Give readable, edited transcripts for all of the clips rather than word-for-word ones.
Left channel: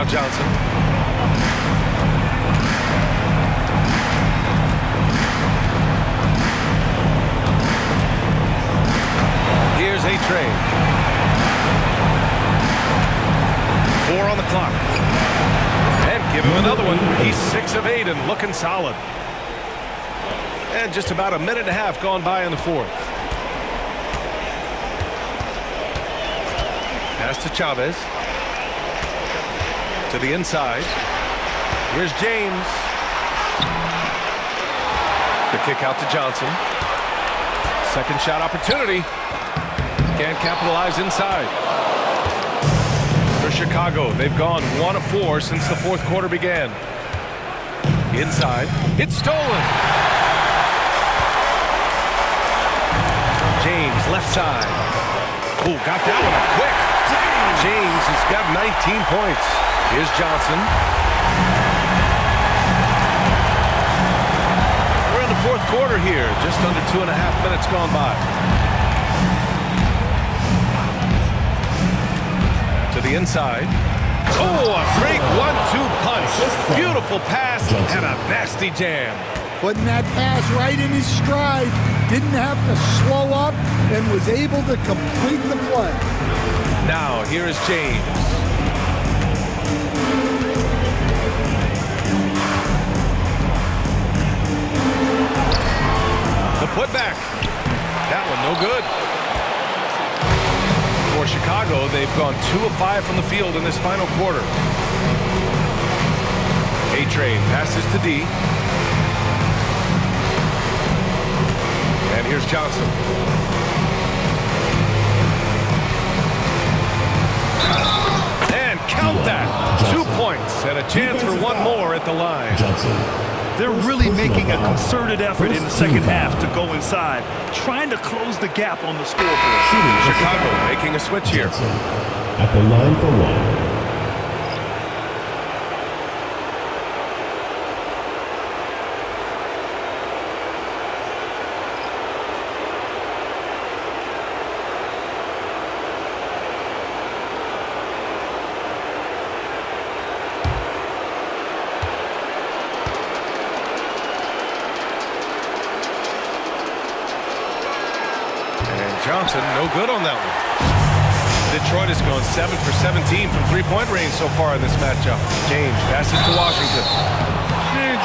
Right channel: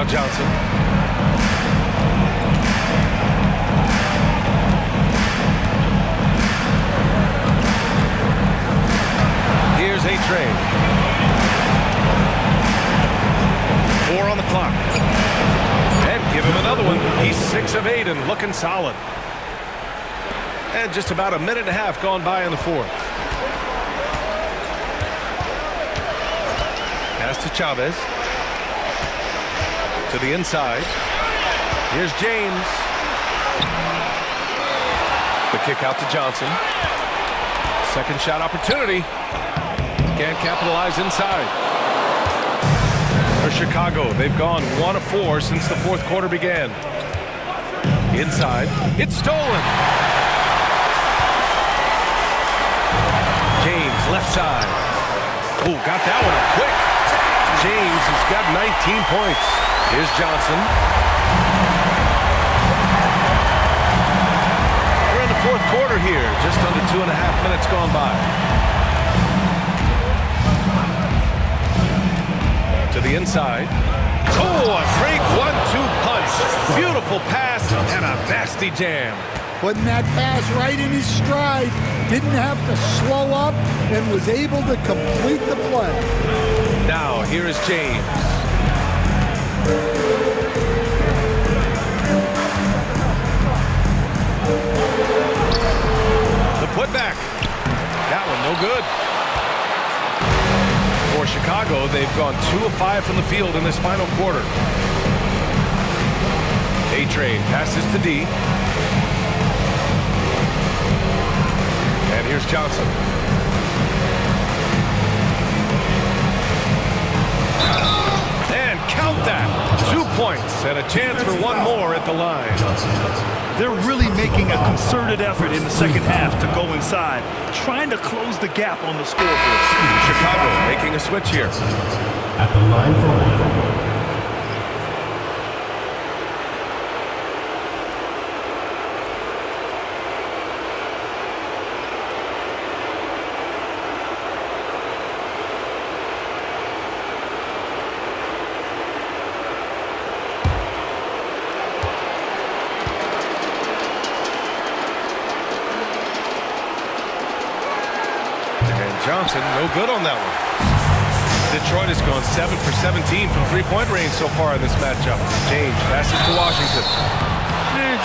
Now Johnson. Here's A-Train. 4 on the clock. And give him another one. He's 6 of 8 and looking solid. And just about a minute and a half gone by in the fourth. Pass to Chavez. To the inside. Here's James. The kick out to Johnson. Second shot opportunity. Can't capitalize inside. For Chicago, they've gone 1 of 4 since the fourth quarter began. Inside. It's stolen. James, left side. Oh, got that one up quick. James has got 19 points. Here's Johnson. We're in the fourth quarter here. Just under 2.5 minutes gone by. To the inside. Oh, a great 1-2 punch. Beautiful pass and a nasty jam. Putting that pass right in his stride. Didn't have to slow up and was able to complete the play. Now, here is James. The putback. That one no good. For Chicago, they've gone 2 of 5 from the field in this final quarter. A-Train passes to D. And here's Johnson. And count that. 2 points and a chance for one more at the line. They're really making a concerted effort in the second half to go inside, trying to close the gap on the scoreboard. Chicago making a switch here. At the line for one. Johnson, no good on that one. Detroit has gone 7 for 17 from three-point range so far in this matchup. James passes to Washington.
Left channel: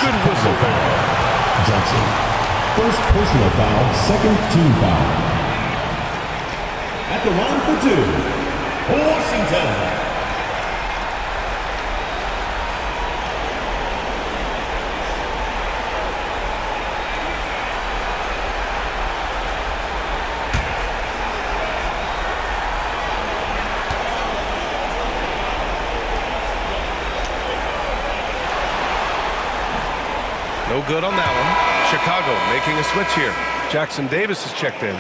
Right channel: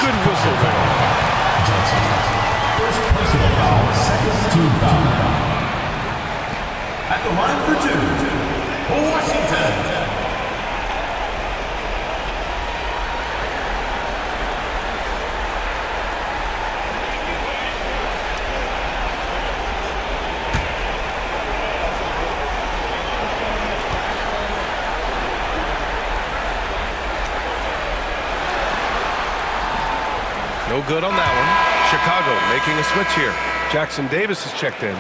Good whistle there. Johnson. First personal foul, second team foul. At the line for 2, Washington. No good on that one. Chicago making a switch here. Jackson Davis has checked in.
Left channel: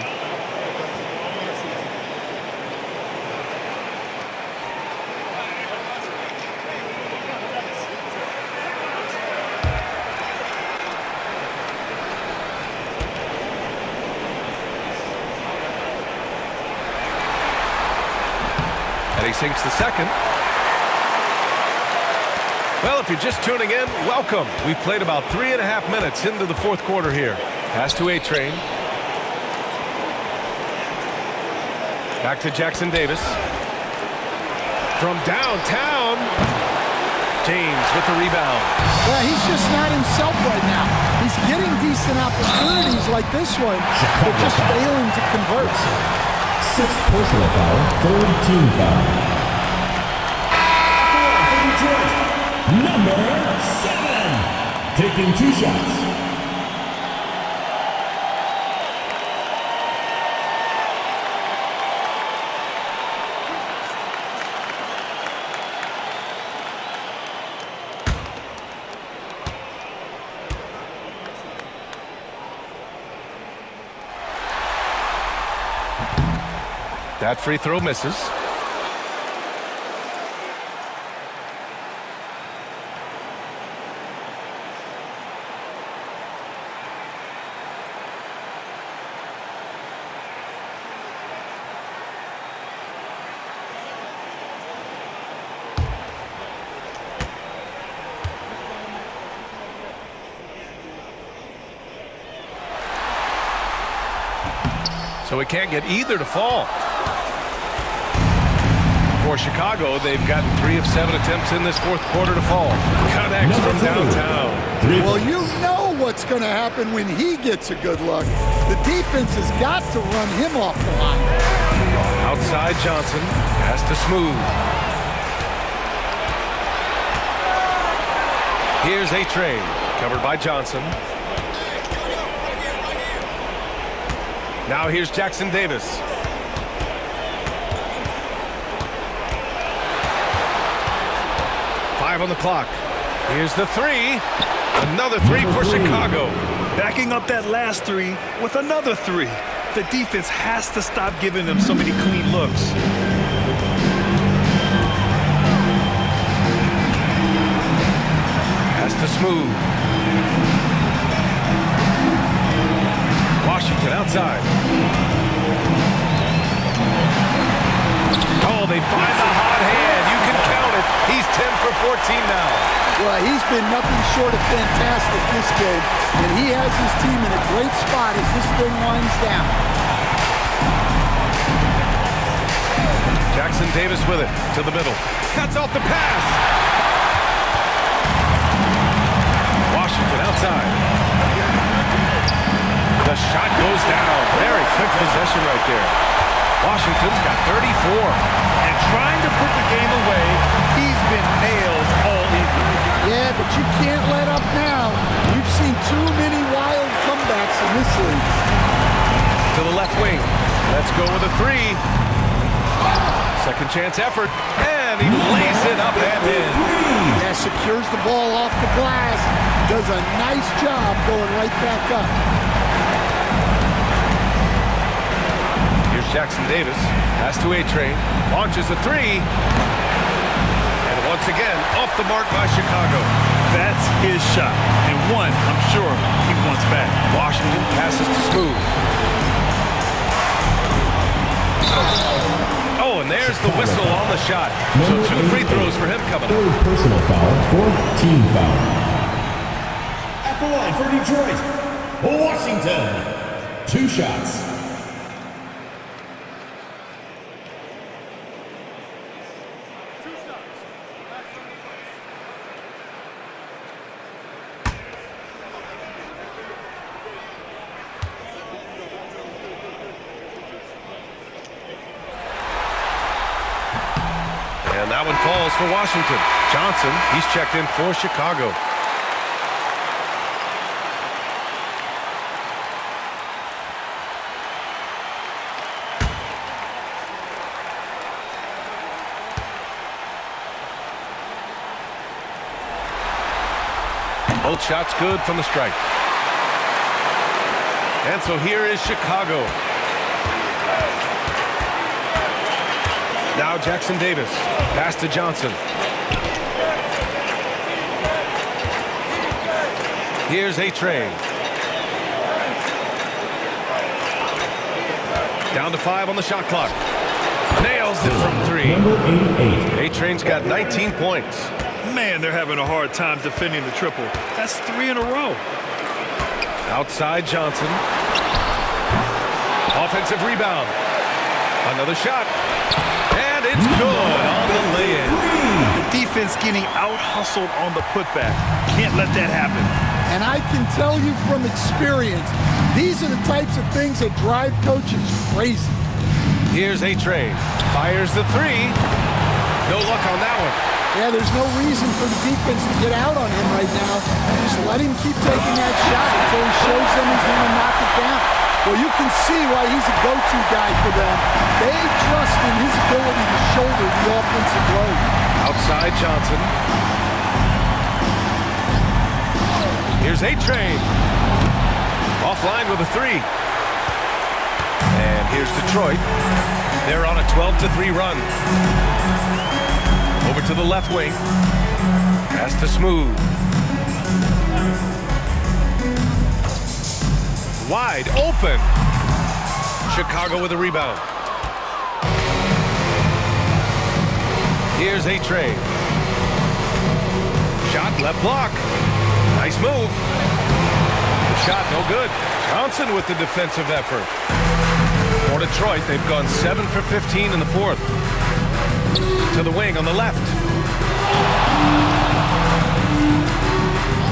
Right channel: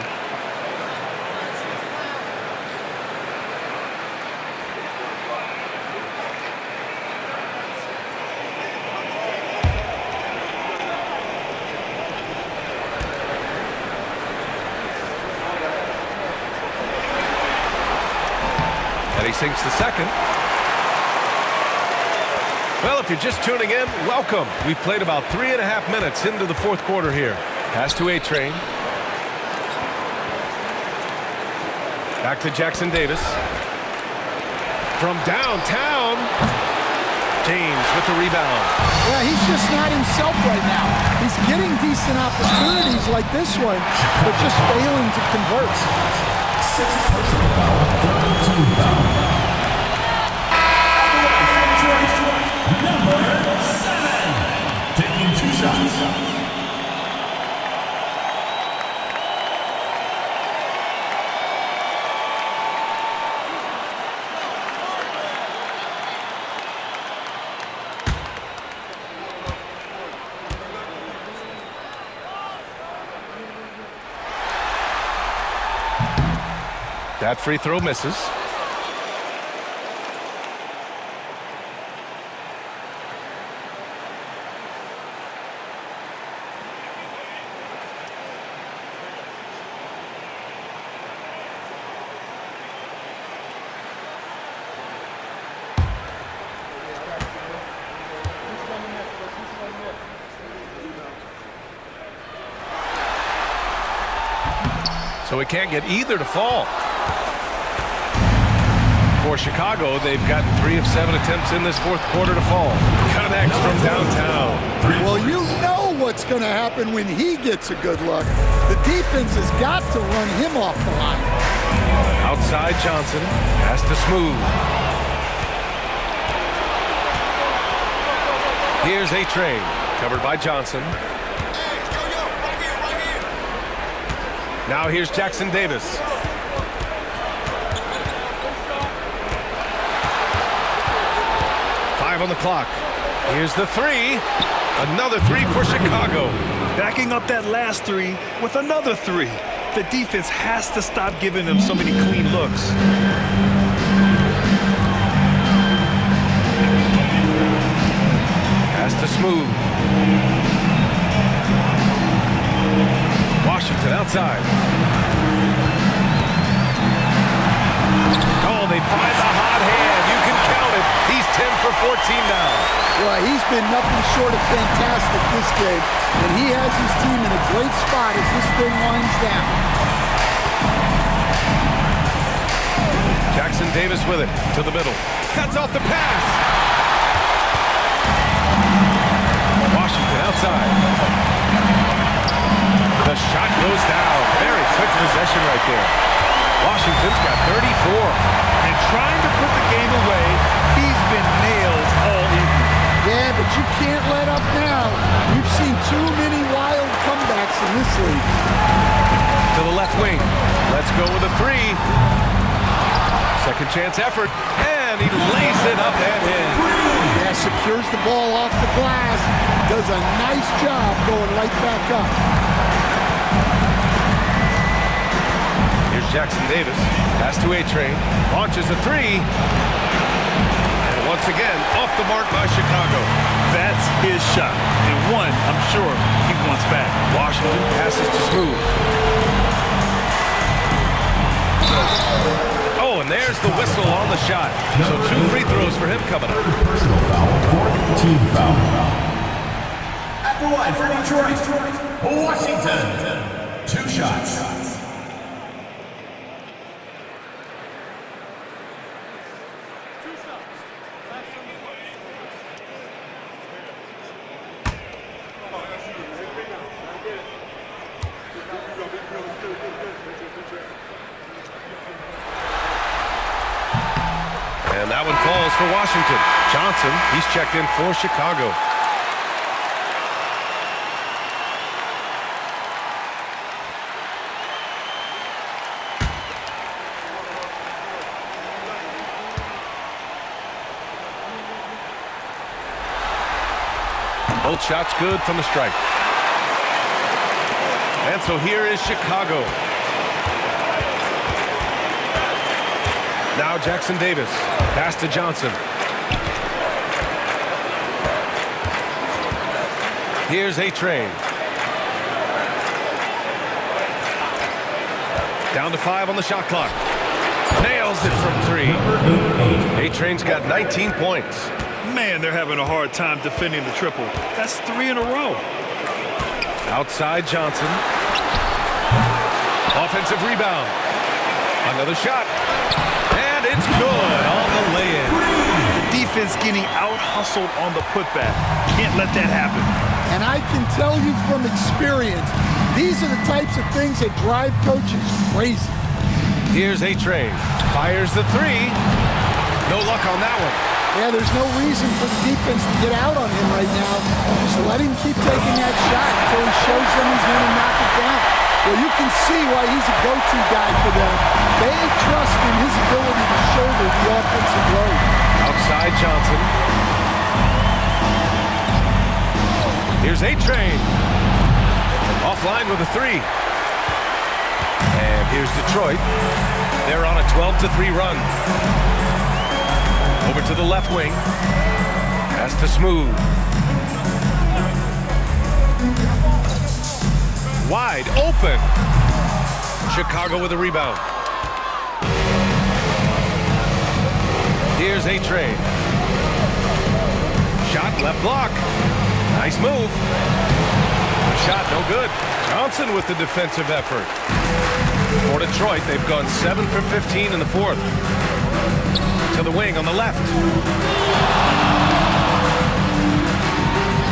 And he sinks the second. Well, if you're just tuning in, welcome. We've played about 3.5 minutes into the fourth quarter here. Pass to A-Train. Back to Jackson Davis. From downtown, James with the rebound. Yeah, he's just not himself right now. He's getting decent opportunities like this one, but just failing to convert. Sixth personal foul, third team foul. Number 7, taking 2 shots. That free throw misses. So he can't get either to fall. For Chicago, they've gotten 3 of 7 attempts in this fourth quarter to fall. Connects from downtown. Well, you know what's going to happen when he gets a good look. The defense has got to run him off the line. Outside Johnson, pass to Smooth. Here's A-Train, covered by Johnson. Now here's Jackson Davis. On the clock. Here's the 3. Another 3 for Chicago. Backing up that last 3 with another 3. The defense has to stop giving them so many clean looks. Pass to Smooth. Washington outside. Oh, they find the hot hand. You can count it. He's 10 for 14 now. Well, he's been nothing short of fantastic this game, and he has his team in a great spot as this thing winds down. Jackson Davis with it to the middle. Cuts off the pass. Washington outside. The shot goes down. Very quick possession right there. Washington's got 34. And trying to put the game away, he's been nails all evening. Yeah, but you can't let up now. We've seen too many wild comebacks in this league. To the left wing. Let's go with a 3. Second chance effort. And he lays it up and in. Yeah, secures the ball off the glass. Does a nice job going right back up. Here's Jackson Davis. Pass to A-Train. Launches a 3. And once again, off the mark by Chicago. That's his shot. And one, I'm sure, he wants back. Washington passes to Smooth. Oh, and there's the whistle on the shot. So 2 free throws for him coming up. Third personal foul, 4th team foul. At the line for Detroit, Washington. 2 shots. And that one falls for Washington. Johnson, he's checked in for Chicago. Both shots good from the strike. And so here is Chicago. Now Jackson Davis. Pass to Johnson. Here's A-Train. Down to 5 on the shot clock. Nails it from 3. A-Train's got 19 points. Man, they're having a hard time defending the triple. That's 3 in a row. Outside Johnson. Offensive rebound. Another shot. And it's good on the lay-in. The defense getting out-hustled on the putback. Can't let that happen. And I can tell you from experience, these are the types of things that drive coaches crazy. Here's A-Train. Fires the 3. No luck on that one. Yeah, there's no reason for the defense to get out on him right now. Just let him keep taking that shot until he shows them he's going to knock it down. Well, you can see why he's a go-to guy for them. They trust in his ability to shoulder the offensive load. Outside Johnson. Here's A-Train. Offline with a 3. And here's Detroit. They're on a 12-3 run. Over to the left wing. Pass to Smooth. Wide open. Chicago with a rebound. Here's A-Train. Shot left block. Nice move. The shot no good. Johnson with the defensive effort. For Detroit, they've gone 7 for 15 in the fourth. To the wing on the left.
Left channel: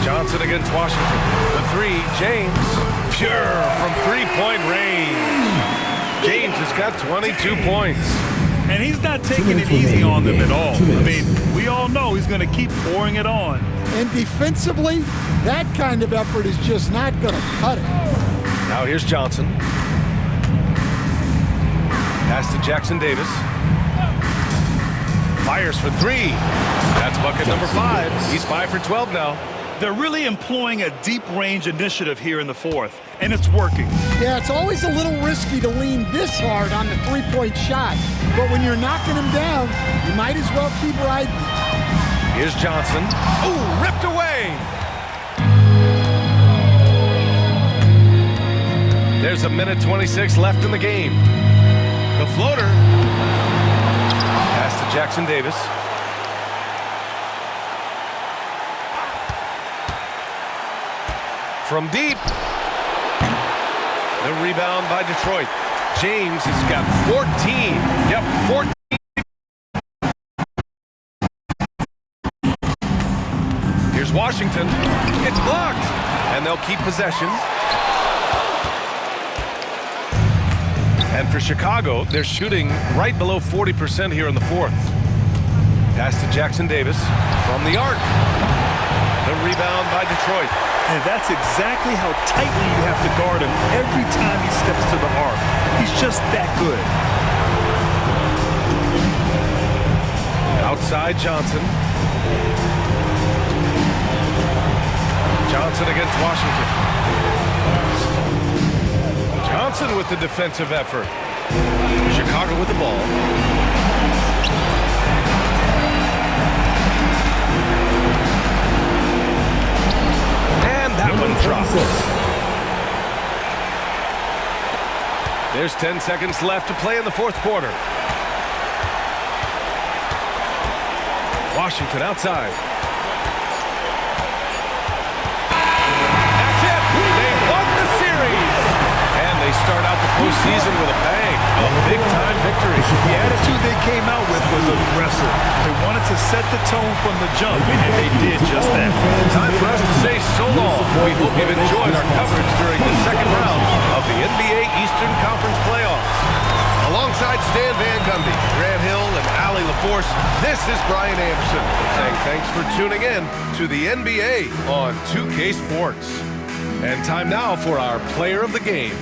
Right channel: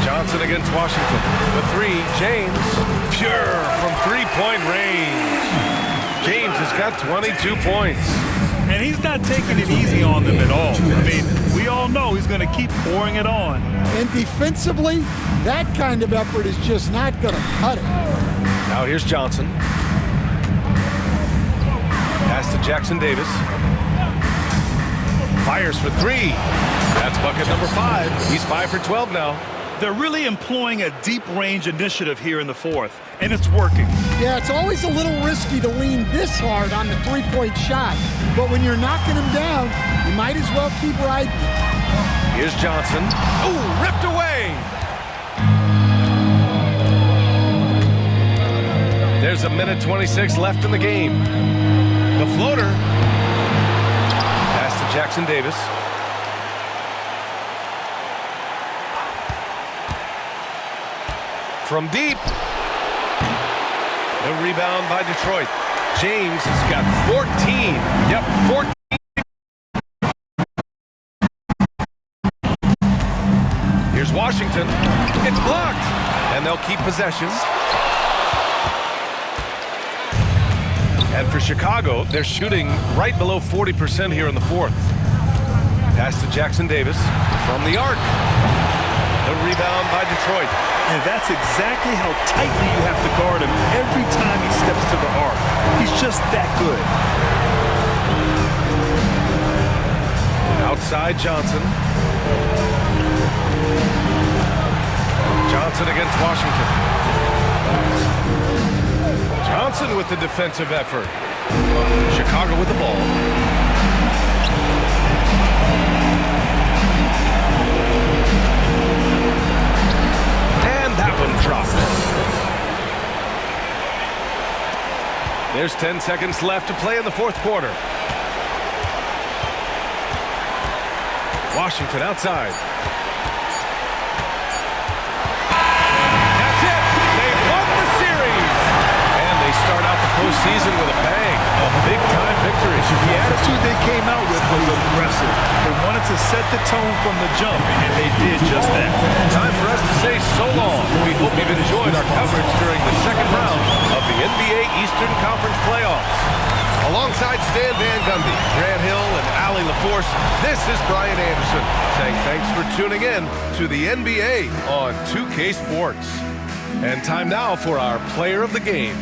Johnson against Washington. The three, James. Pure from three-point range. James has got 22 points. And he's not taking it easy on them at all. I mean, we all know he's going to keep pouring it on. And defensively, that kind of effort is just not going to cut it. Now here's Johnson. Pass to Jackson Davis. Fires for three. That's bucket number 5. He's 5 for 12 now. They're really employing a deep range initiative here in the fourth, and it's working. Yeah, it's always a little risky to lean this hard on the three-point shot. But when you're knocking him down, you might as well keep riding it. Here's Johnson. Ooh, ripped away. There's a minute 26 left in the game. The floater. Pass to Jackson Davis. From deep. The rebound by Detroit. James has got 14. Yep, 14. Here's Washington. It's blocked. And they'll keep possession. And for Chicago, they're shooting right below 40% here in the fourth. Pass to Jackson Davis from the arc. The rebound by Detroit. And that's exactly how tightly you have to guard him every time he steps to the arc. He's just that good. Outside Johnson. Johnson against Washington. Johnson with the defensive effort. Chicago with the ball. And that one drops. There's 10 seconds left to play in the fourth quarter. Washington outside. That's it. They won the series. And they start out the postseason with a bang. A big-time victory. The attitude they came out with was aggressive. They wanted to set the tone from the jump, and they did just that. Time for us to say so long. We hope you've enjoyed our coverage during the second round of the NBA Eastern Conference playoffs. Alongside Stan Van Gundy, Grant Hill, and Allie LaForce, this is Brian Anderson saying thanks for tuning in to the NBA on 2K Sports. And time now for our player of the game.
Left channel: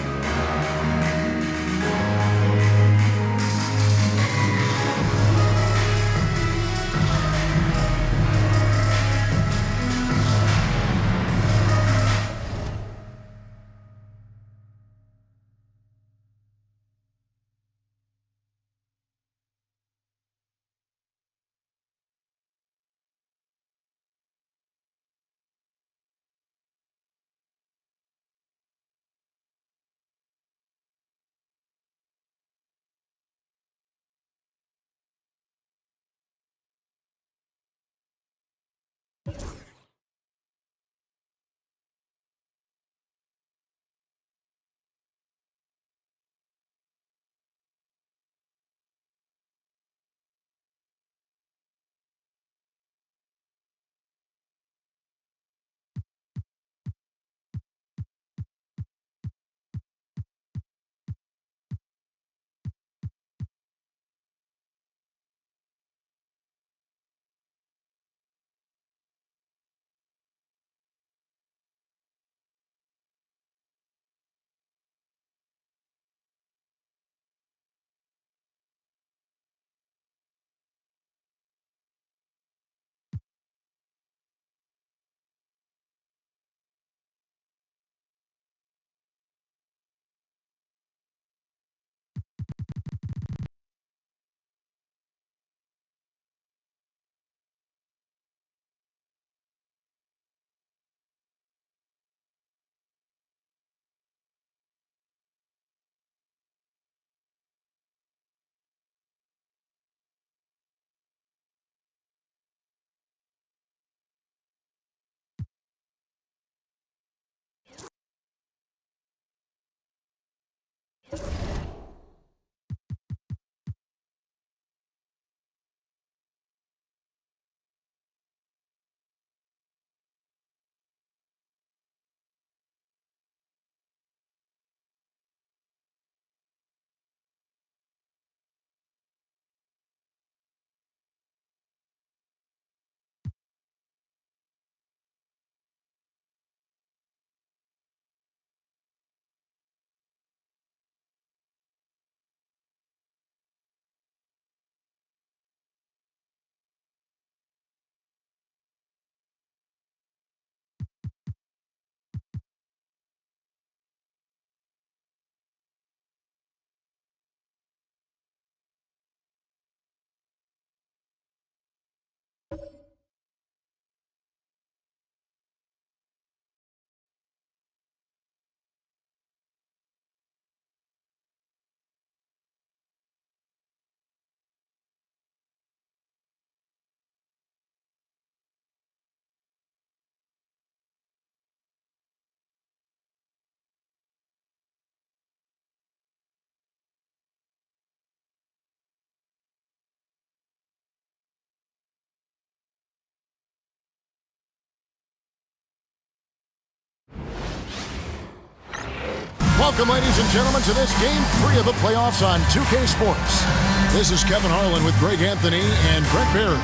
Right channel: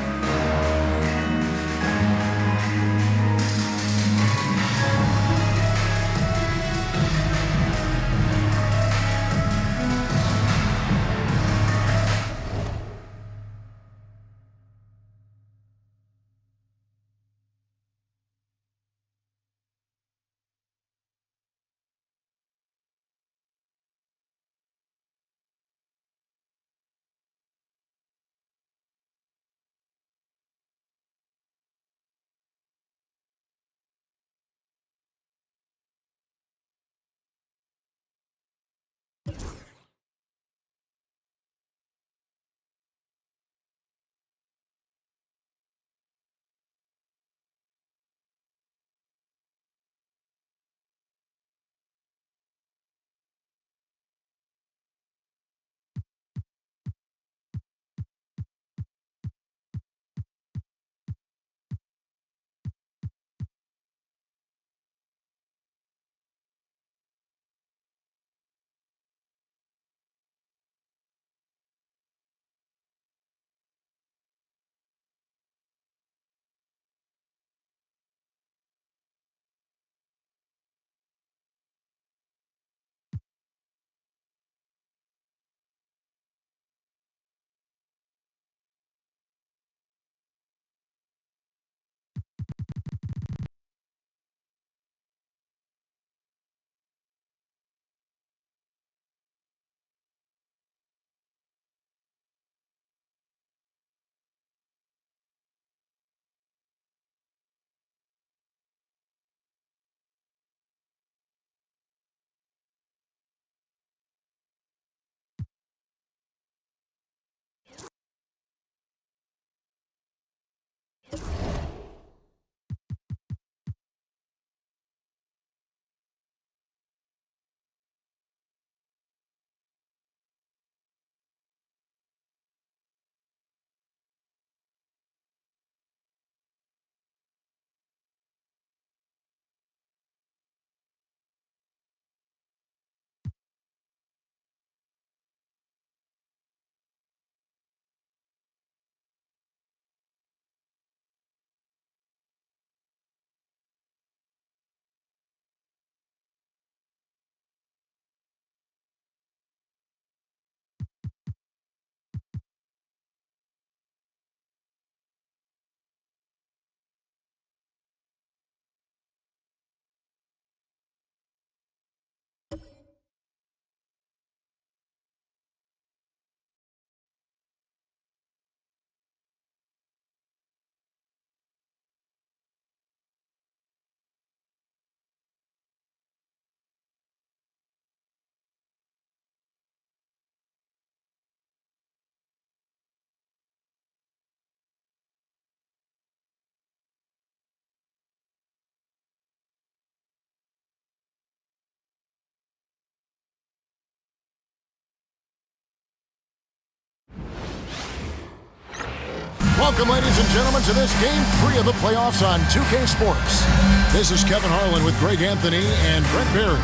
Welcome, ladies and gentlemen, to this Game 3 of the playoffs on 2K Sports. This is Kevin Harlan with Greg Anthony and Brent Barry.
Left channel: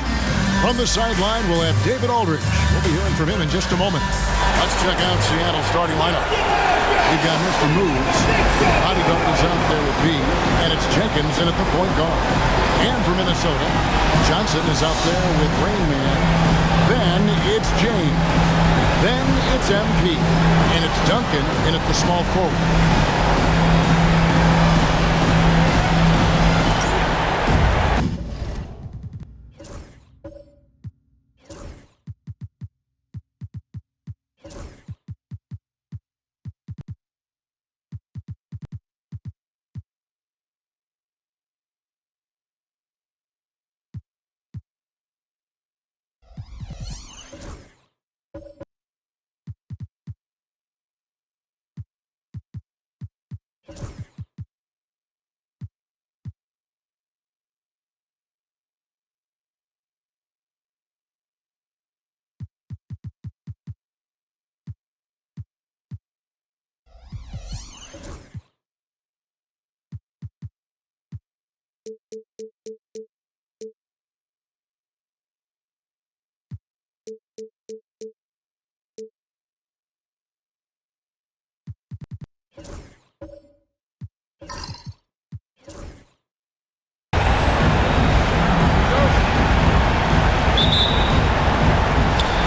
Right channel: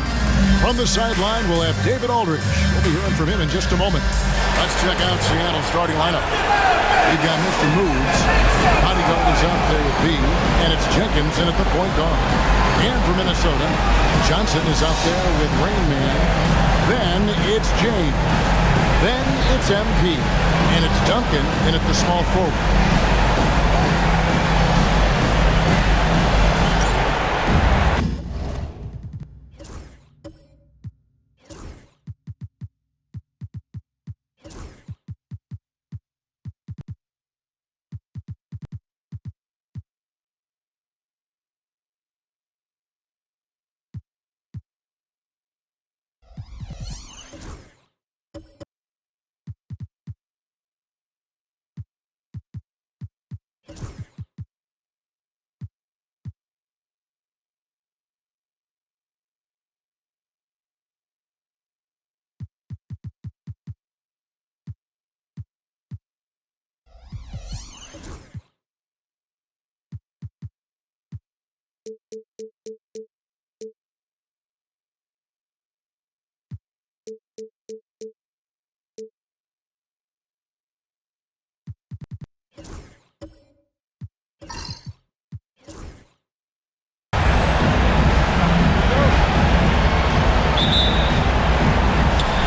From the sideline, we'll have David Aldridge. We'll be hearing from him in just a moment. Let's check out Seattle's starting lineup. We've got Mr. Moves. Bodyguard is out there with B, and it's Jenkins in at the point guard. And for Minnesota, Johnson is out there with Rain Man. Then it's James. Then it's MP. And it's Duncan in at the small forward.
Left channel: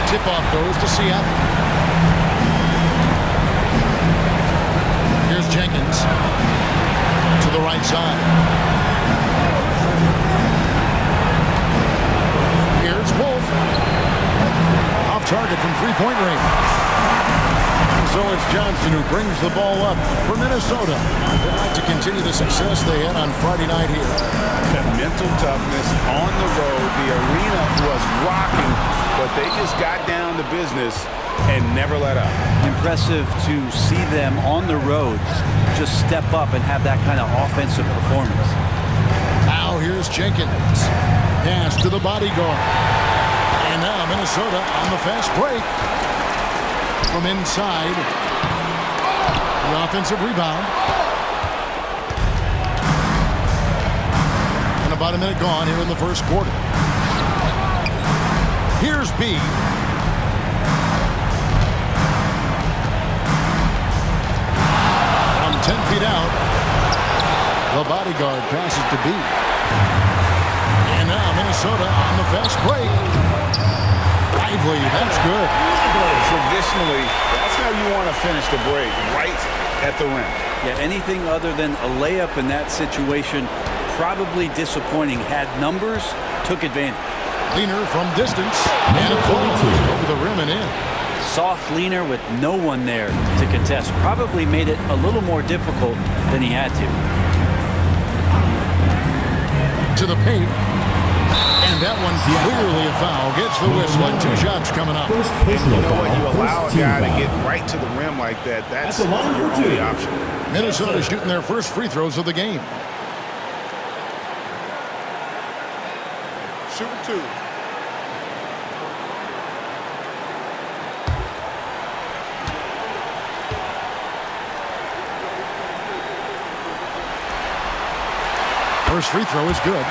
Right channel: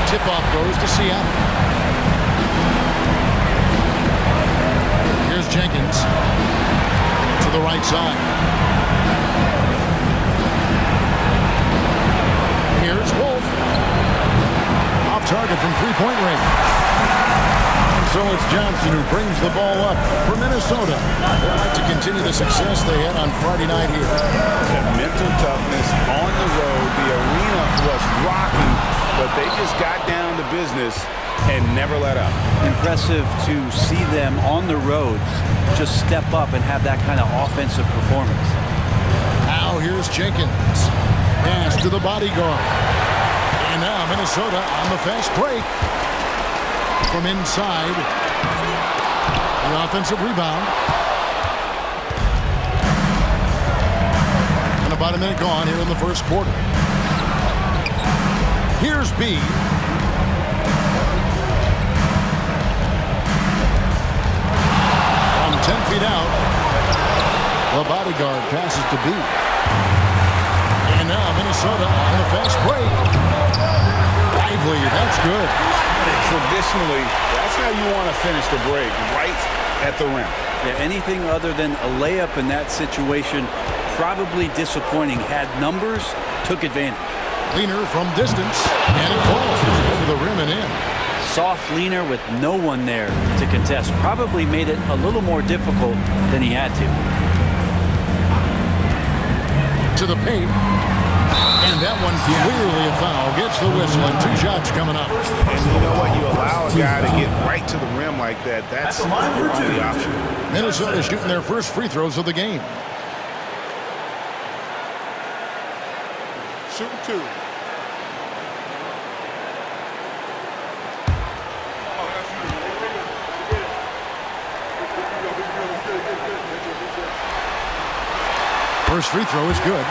Tip-off goes to Seattle. Here's Jenkins to the right side. Here's Wolf. Off target from three-point range. And so it's Johnson who brings the ball up for Minnesota. They'd like to continue the success they had on Friday night here. That mental toughness on the road. The arena was rocking, but they just got down to business and never let up. Impressive to see them on the road just step up and have that kind of offensive performance. Now here's Jenkins. Pass to the bodyguard. And now Minnesota on the fast break. From inside. The offensive rebound. And about a minute gone here in the first quarter. Here's B. From 10 feet out. The bodyguard passes to B. And now Minnesota on the fast break. Lively, that's good. Traditionally, that's how you want to finish the break, right at the rim. Yeah, anything other than a layup in that situation, probably disappointing. Had numbers, took advantage. Leaner from distance, and it falls over the rim and in. Soft leaner with no one there to contest. Probably made it a little more difficult than he had to. To the paint. And that one clearly a foul. Gets the whistle and 2 shots coming up. And you know what? You allow a guy to get right to the rim like that. That's your only option. Minnesota shooting their first free throws of the game. Shooting 2. First free throw is good.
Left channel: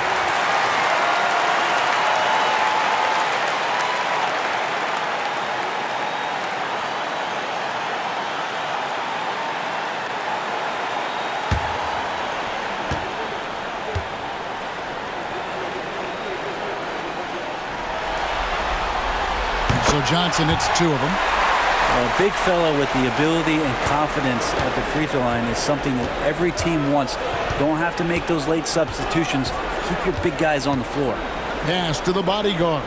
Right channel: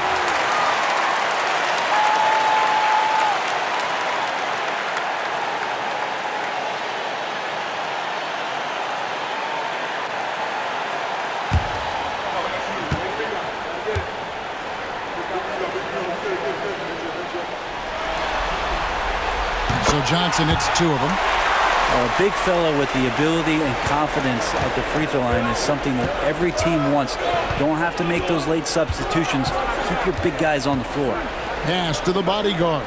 So Johnson hits 2 of them. A big fella with the ability and confidence at the free throw line is something that every team wants. Don't have to make those late substitutions. Keep your big guys on the floor. Pass to the bodyguard.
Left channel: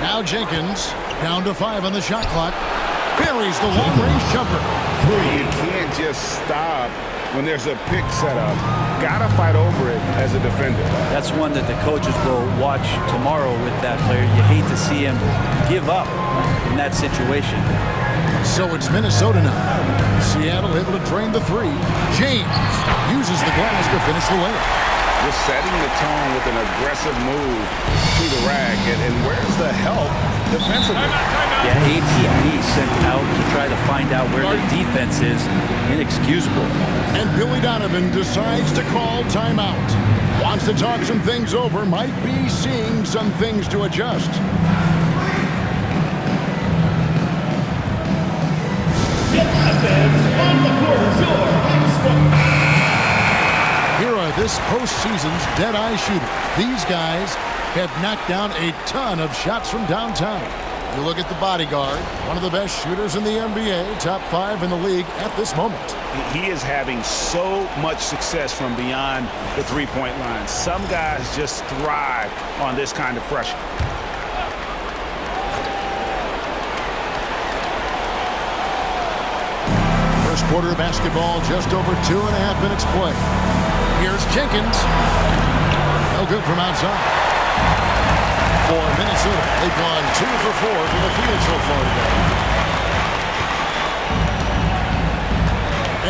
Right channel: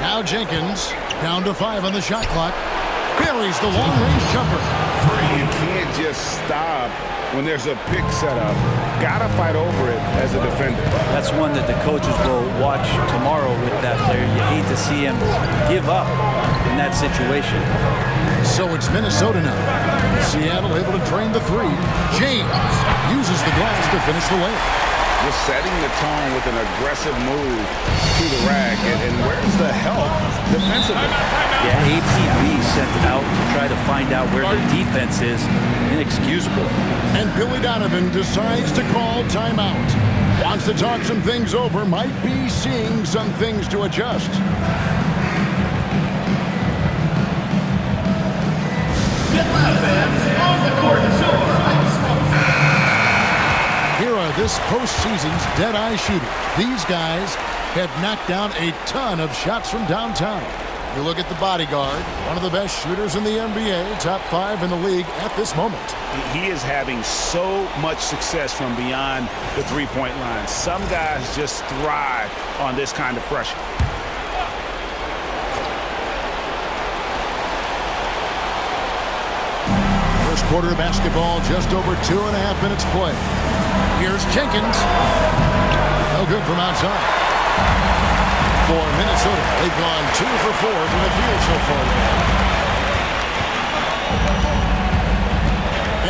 Now Jenkins down to 5 on the shot clock. Buries the long-range jumper. You can't just stop when there's a pick set up. Gotta fight over it as a defender. That's one that the coaches will watch tomorrow with that player. You hate to see him give up in that situation. So it's Minnesota now. Seattle able to drain the 3. James uses the glass to finish the layup. just setting the tone with an aggressive move to the rack. And where's the help defensively? Yeah, ATB sent out to try to find out where the defense is. Inexcusable. And Billy Donovan decides to call timeout. Wants to talk some things over, might be seeing some things to adjust. On the court, Here are this postseason's dead-eye shooters. These guys have knocked down a ton of shots from downtown. You look at the bodyguard, one of the best shooters in the NBA, top 5 in the league at this moment. He is having so much success from beyond the three-point line. Some guys just thrive on this kind of pressure. First quarter of basketball, just over 2.5 minutes play. Here's Jenkins. No good from outside. For Minnesota, they've gone 2 for 4 from the field so far today.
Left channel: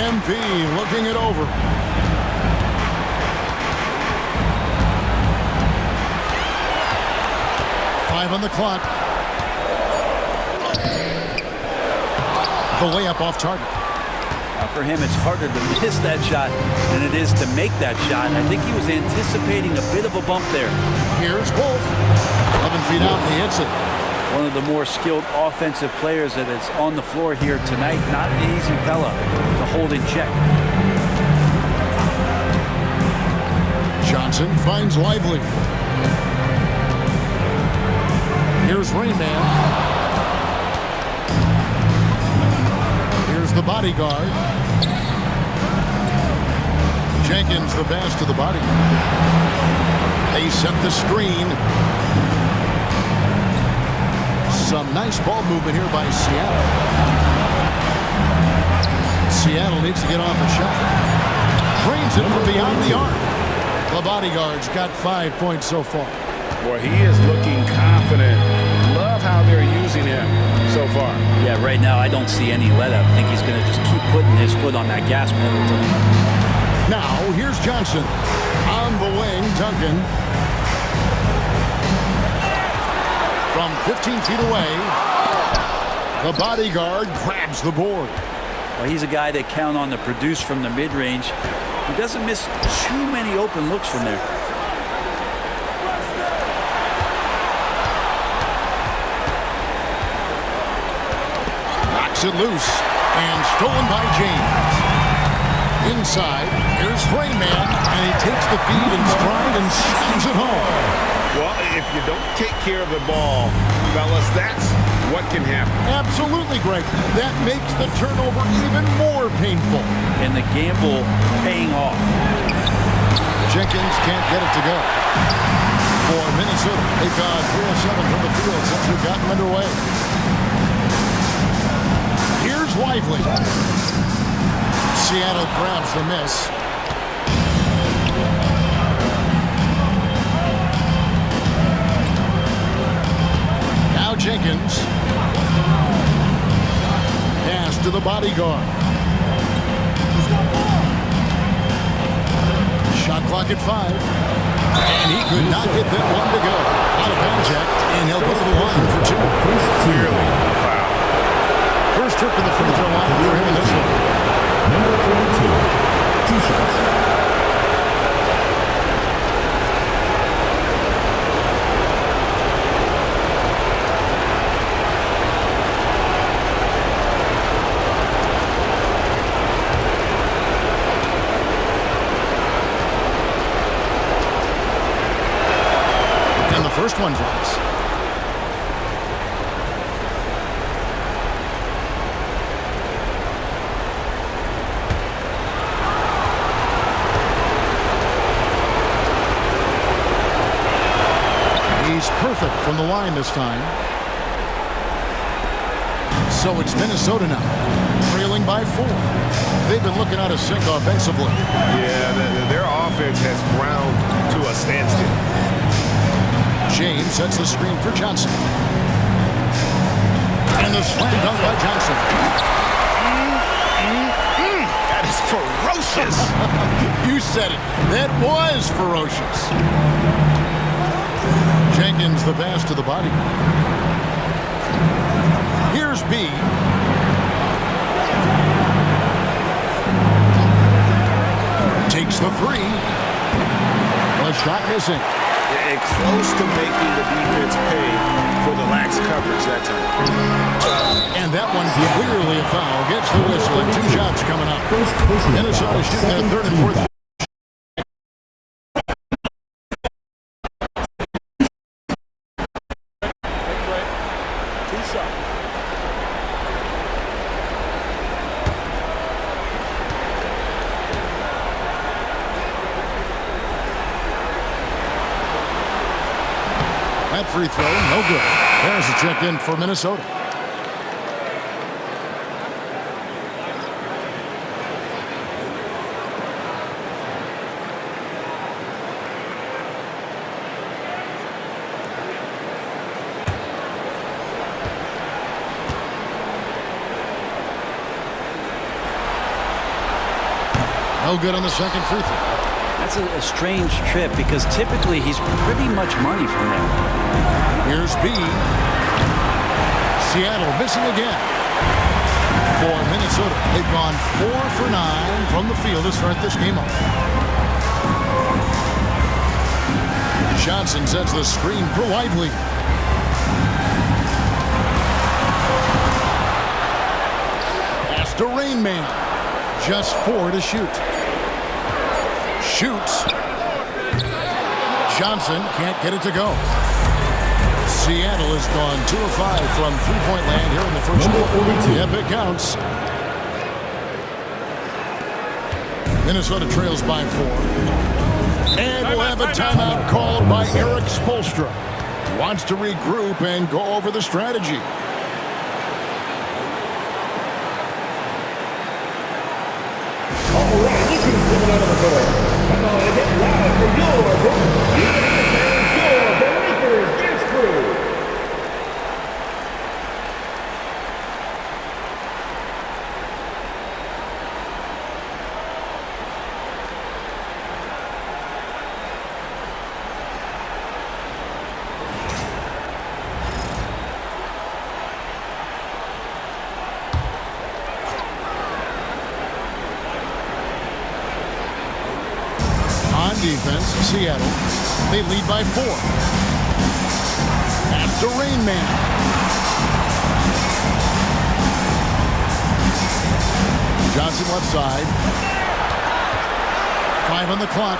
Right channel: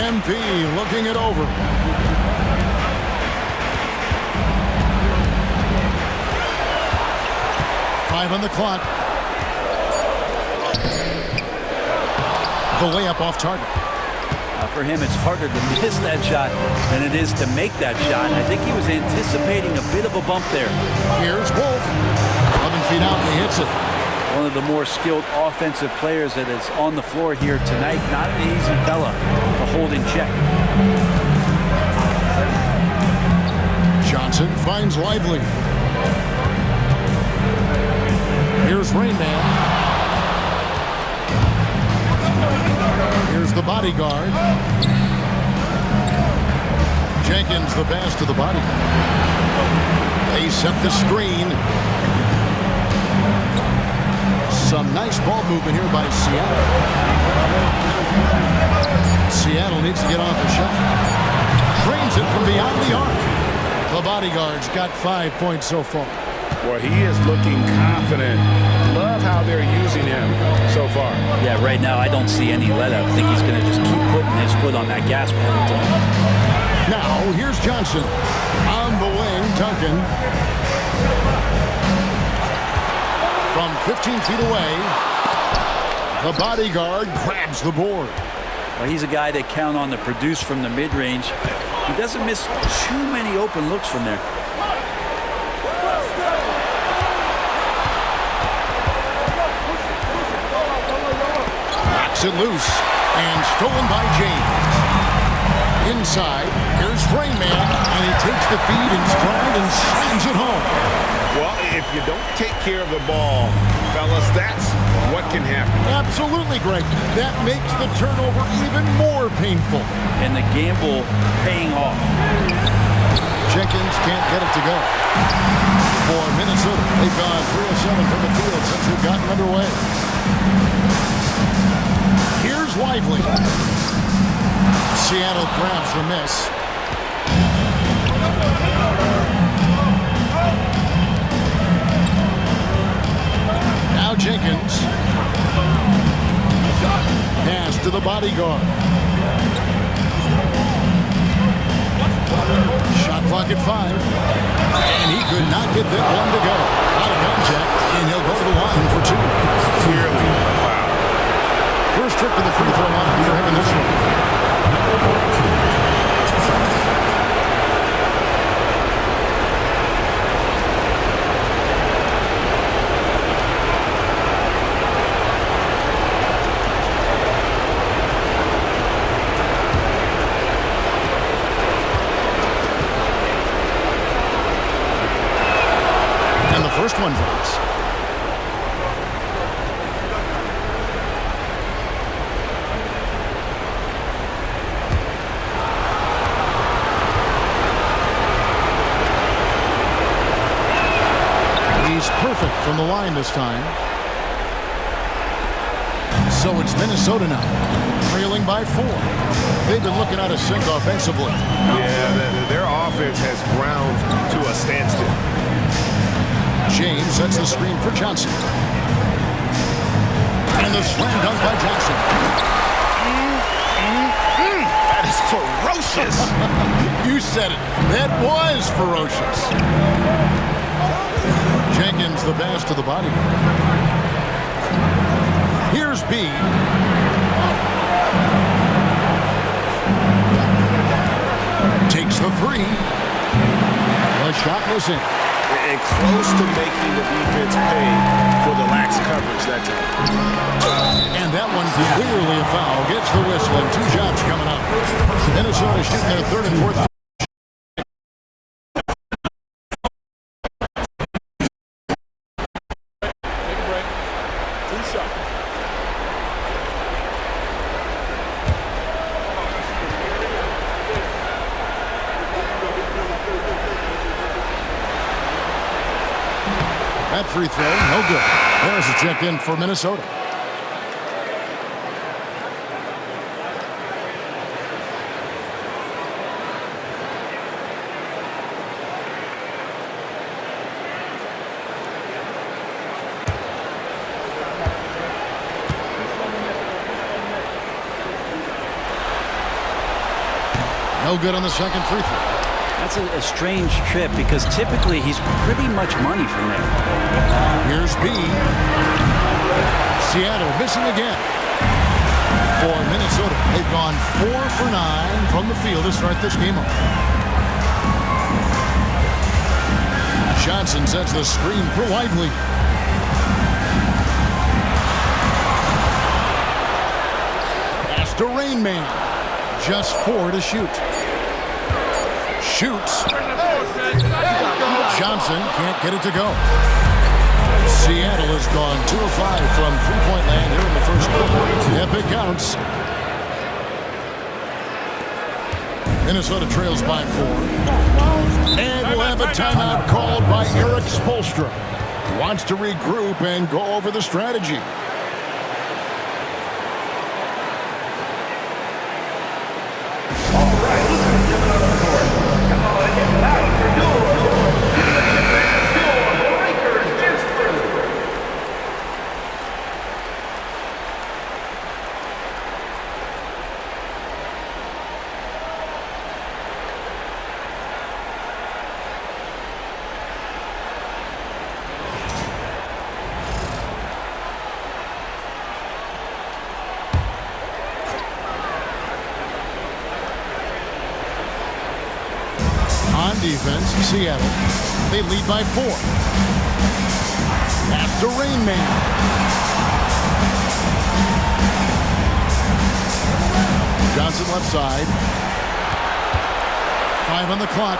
MP looking it over. Five on the clock. The layup off target. For him, it's harder to miss that shot than it is to make that shot. I think he was anticipating a bit of a bump there. Here's Wolf. 11 feet out, and he hits it. One of the more skilled offensive players that is on the floor here tonight. Not an easy fella to hold in check. Johnson finds Lively. Here's Rain Man. Here's the bodyguard. Jenkins the pass to the bodyguard. They set the screen. Some nice ball movement here by Seattle. Seattle needs to get off a shot. Trains it from beyond the arc. The bodyguard's got 5 points so far. Boy, he is looking confident. Love how they're using him so far. Yeah, right now I don't see any let up. I think he's going to just keep putting his foot on that gas pedal. Now, here's Johnson. On the wing, Duncan. From 15 feet away, the bodyguard grabs the board. Well, he's a guy that count on to produce from the mid-range. He doesn't miss too many open looks from there. Knocks it loose and stolen by James. Inside, here's Rain Man, and he takes the feed in stride and slams it home. Well, if you don't take care of the ball, fellas, that's what can happen. Absolutely, Greg. That makes the turnover even more painful. And the gamble paying off. Jenkins can't get it to go. For Minnesota, they've gone 3 of 7 from the field since they've gotten underway. Here's Lively. Seattle grabs the miss. Now Jenkins. Pass to the bodyguard. Shot clock at 5. And he could not get that one to go. Out of contact, and he'll go to the line for 2. Clearly a foul. First trip to the free throw line for him in this one. Number 42, 2 shots. And the first one drops. He's perfect from the line this time. So it's Minnesota now, trailing by 4. They've been looking out of sync offensively. Yeah, their offense has ground to a standstill. James sets the screen for Johnson. And the slam dunk by Johnson. That is ferocious. You said it. That was ferocious. Jenkins the pass to the bodyguard. Here's B. Takes the three. The shot missing. And close to making the defense pay for the lax coverage that time. And that one clearly a foul. Gets the whistle and 2 shots coming up. Minnesota shooting their third and fourth. Take a break. 2 shots. That free throw, no good. There's a check in for Minnesota. No good on the second free throw. That's a strange trip because typically he's pretty much money from there. Here's B. Seattle missing again. For Minnesota, they've gone 4 for 9 from the field to start this game off. Johnson sets the screen for Lively. Pass to Rain Man. Just 4 to shoot. Shoots. Johnson can't get it to go. Seattle has gone 2 of 5 from three-point land here in the first quarter. Yep, it counts. Minnesota trails by 4. And we'll have a timeout called by Eric Spoelstra. He wants to regroup and go over the strategy. All right, this is giving out on the court. Come on, get loud for your UBA fans, your Breakers dance crew. On defense, Seattle, they lead by 4. Pass to Rain Man. Johnson left side. 5 on the clock.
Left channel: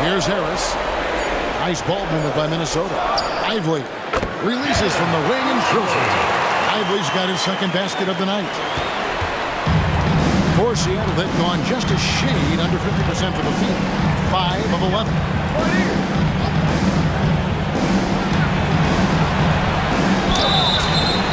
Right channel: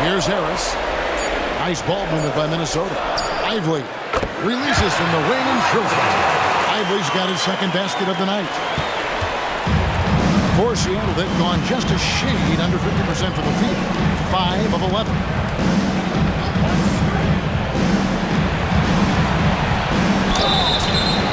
Here's Harris. Nice ball movement by Minnesota. Lively releases from the wing and drills it. Lively's got his second basket of the night. For Seattle, they've gone just a shade under 50% from the field. 5 of 11.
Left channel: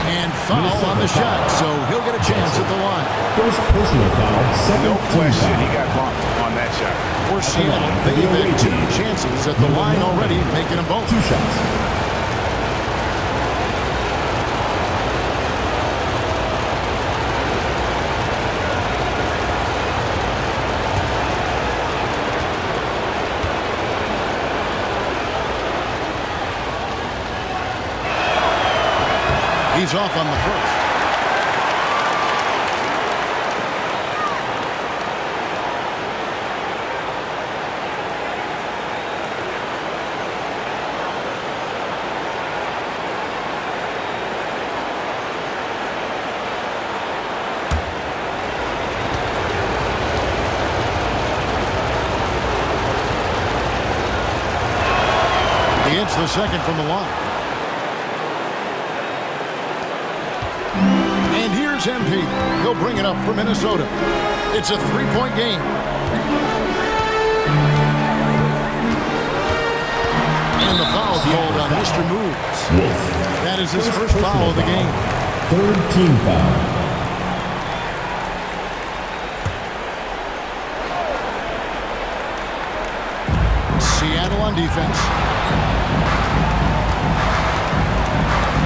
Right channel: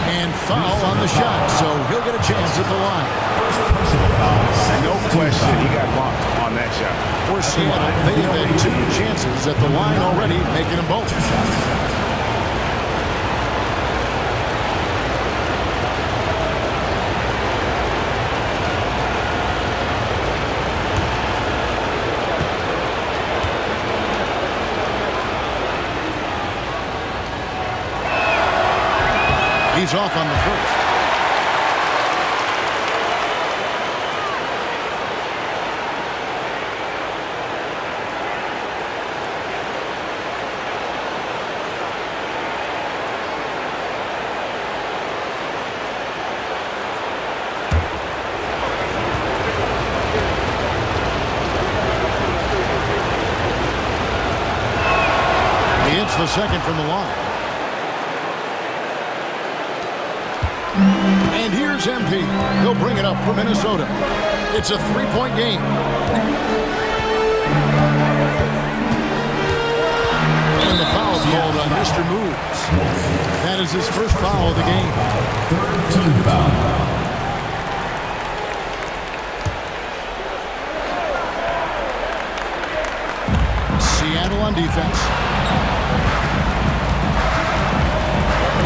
And foul on the shot, so he'll get a chance at the line. First personal foul. No question, he got bumped on that shot. For Seattle, they've had 2 chances at the line already, making them both. 2 shots. He's off on the first. He hits the second from the line. And here's MP. He'll bring it up for Minnesota. It's a 3-point game. And the foul called on Mr. Moves. That is his first foul of the game. 3rd team foul. Seattle on defense.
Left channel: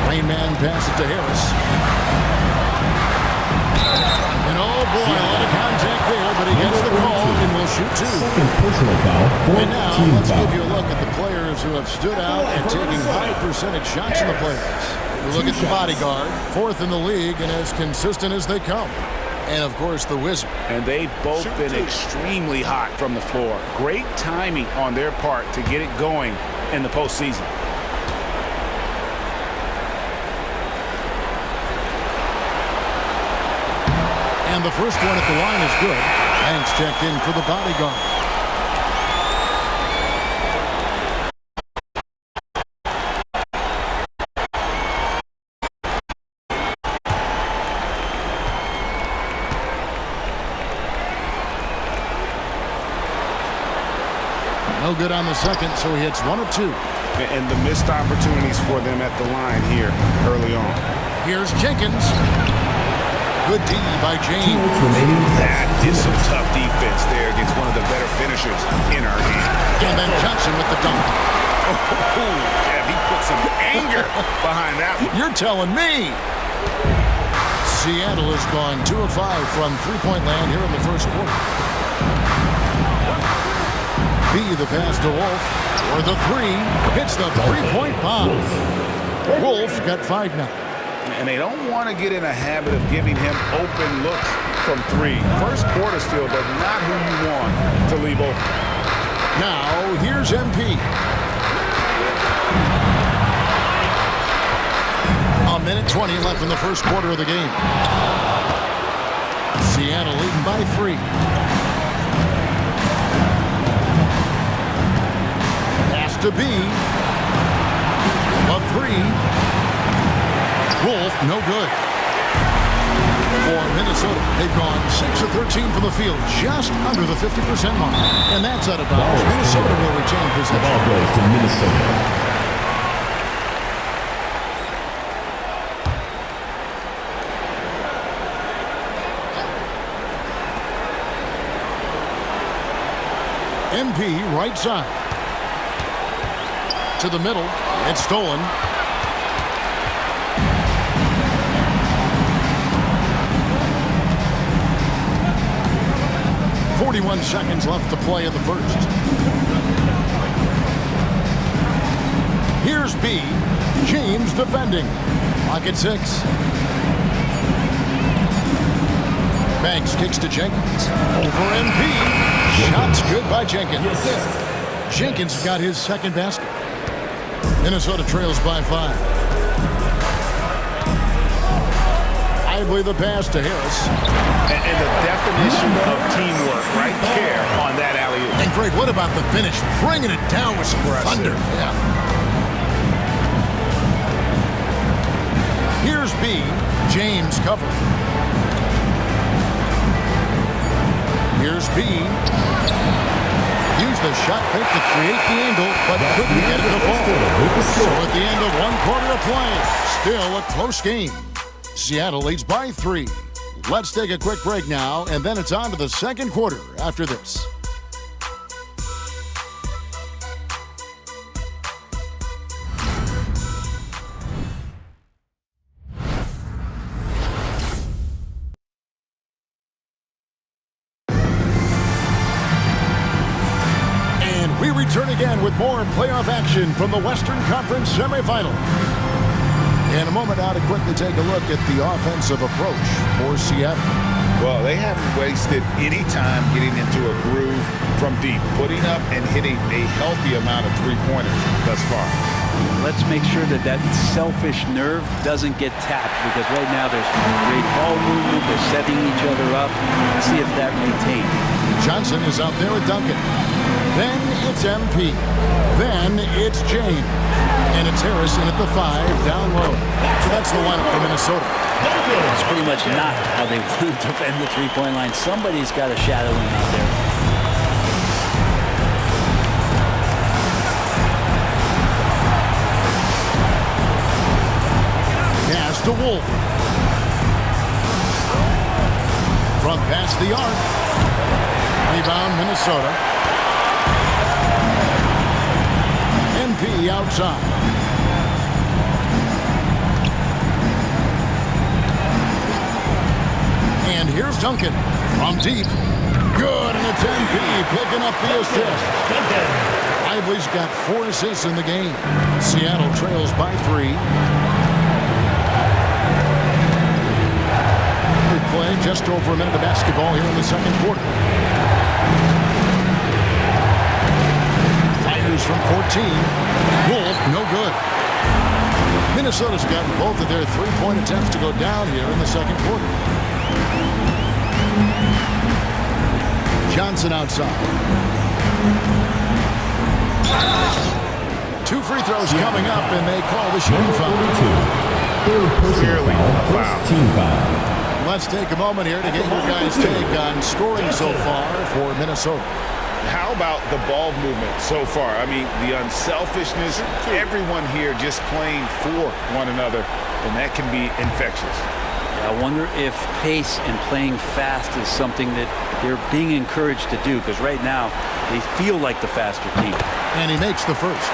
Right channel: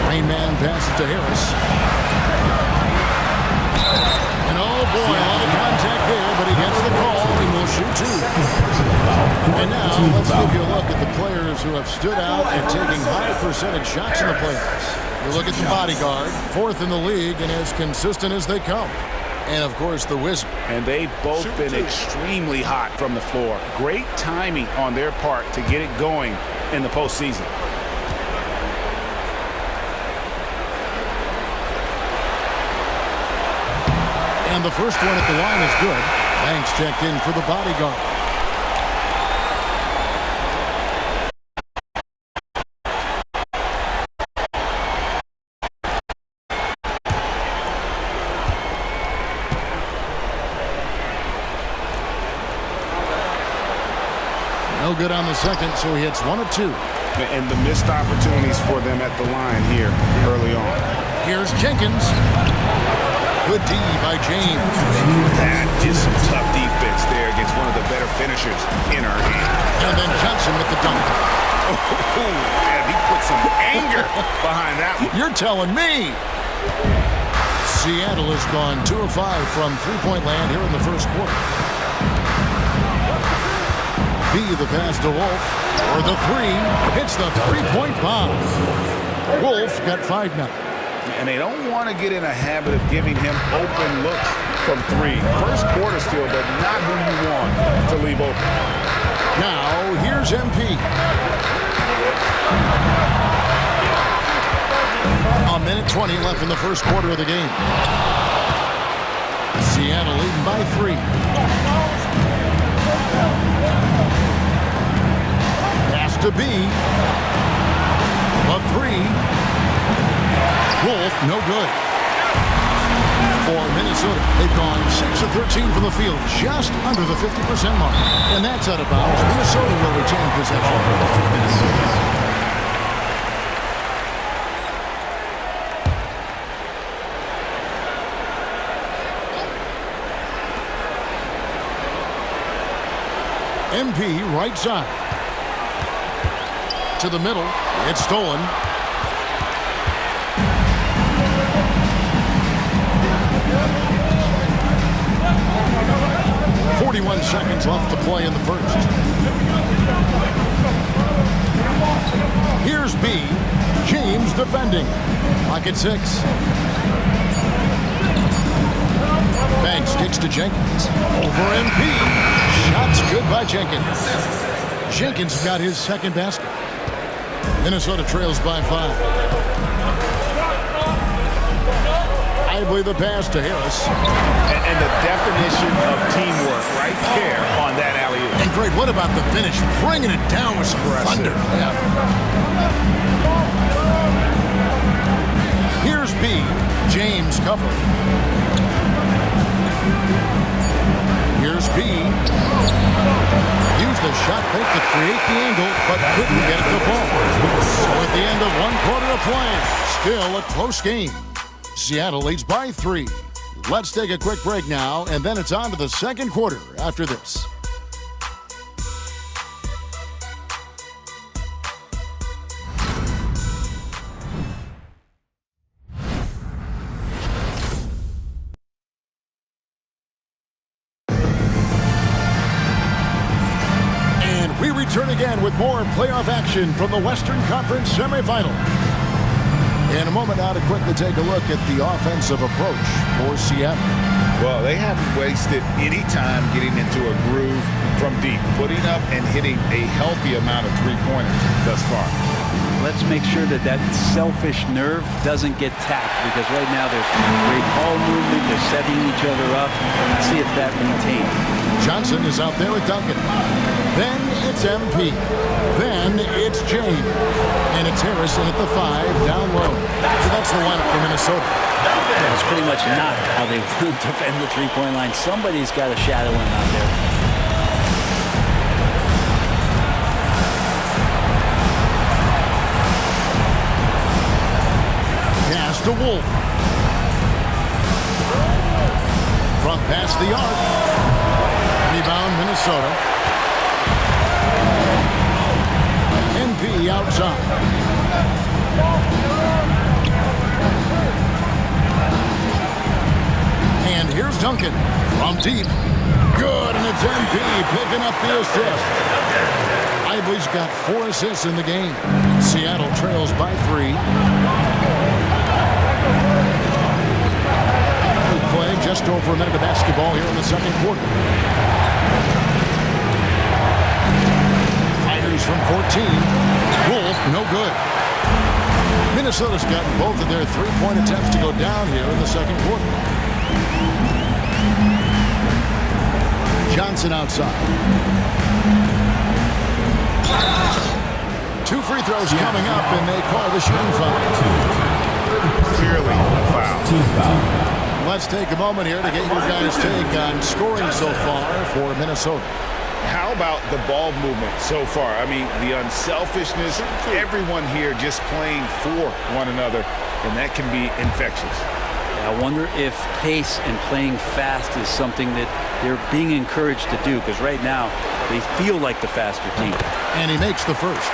Rain Man passes to Harris. And oh boy, a lot of contact there, but he gets the call and will shoot two. And now let's give you a look at the players who have stood out at taking high percentage shots in the playoffs. You look at the bodyguard, 4th in the league and as consistent as they come. And of course the Wizard. And they've both been extremely hot from the floor. Great timing on their part to get it going in the postseason. And the first one at the line is good. Banks checked in for the bodyguard. No good on the second, so he hits 1 of 2. And the missed opportunities for them at the line here early on. Here's Jenkins. Good D by James. That is some tough defense there against one of the better finishers in our game. And then Johnson with the dunk. Oh, yeah, he put some anger behind that one. You're telling me. Seattle has gone 2 of 5 from three-point land here in the first quarter. B the pass to Wolf. For the 3. Hits the three-point bomb. Wolf got 5 now. And they don't want to get in a habit of giving him open looks from 3. First quarter still, but not who you want to leave open. Now, here's MP. A minute 20 left in the first quarter of the game. Seattle leading by 3. Pass to B. A 3. Wolf, no good. For Minnesota, they've gone 6 of 13 from the field, just under the 50% mark. And that's out of bounds. Minnesota will retain possession. MP right side. To the middle. It's stolen. 41 seconds left to play in the first. Here's B. James defending. Clock at 6. Banks kicks to Jenkins. Over MP. Shots good by Jenkins. Jenkins got his second basket. Minnesota trails by 5. Lively the pass to Harris. And the definition of teamwork right there on that alley-oop. And great, what about the finish? Bringing it down with some thunder. Yeah. Here's B. James covering. Here's B. Used the shot fake to create the angle, but couldn't get it to fall. So at the end of 1 quarter of play, still a close game. Seattle leads by 3. Let's take a quick break now, and then it's on to the second quarter after this. And we return again with more playoff action from the Western Conference semifinal. In a moment now to quickly take a look at the offensive approach for Seattle. Well, they haven't wasted any time getting into a groove from deep, putting up and hitting a healthy amount of three-pointers thus far. Let's make sure that that selfish nerve doesn't get tapped, because right now there's great ball movement. They're setting each other up. Let's see if that maintains. Johnson is out there with Duncan. Then it's MP. Then it's James. And it's Harrison at the 5 down low. So that's the lineup for Minnesota. That's pretty much not how they want to defend the three-point line. Somebody's got to shadow him out there. Pass to Wolf. From past the arc. Rebound Minnesota. MP outside. And here's Duncan from deep. Good, and it's NP picking up the assist. Lively's got 4 assists in the game. Seattle trails by 3. We play just over a minute of basketball here in the second quarter. Fires from 14. Wolf, no good. Minnesota's gotten both of their 3-point attempts to go down here in the second quarter. Johnson outside. 2 free throws coming up, and they call the shooting foul. Clearly a foul. Let's take a moment here to get your guys' take on scoring so far for Minnesota. How about the ball movement so far? I mean, the unselfishness, everyone here just playing for one another, and that can be infectious. Yeah, I wonder if pace and playing fast is something that they're being encouraged to do, because right now they feel like the faster team. And he makes the first.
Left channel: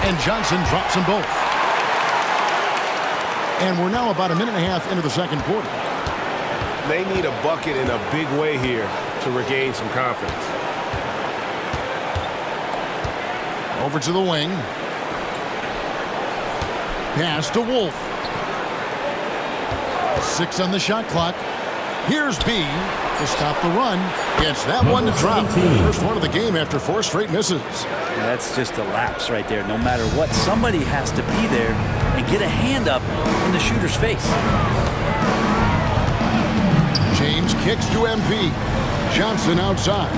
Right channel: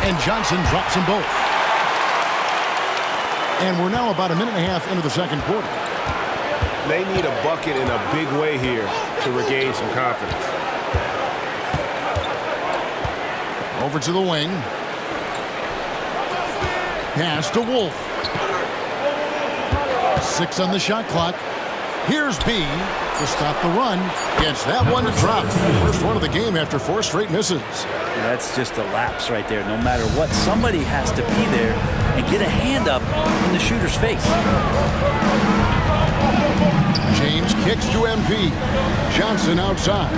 And Johnson drops them both. And we're now about a minute and a half into the second quarter. They need a bucket in a big way here to regain some confidence. Over to the wing. Pass to Wolf. 6 on the shot clock. Here's B to stop the run. Gets that one to drop. First one of the game after 4 straight misses. That's just a lapse right there. No matter what, somebody has to be there and get a hand up in the shooter's face. James kicks to MP. Johnson outside.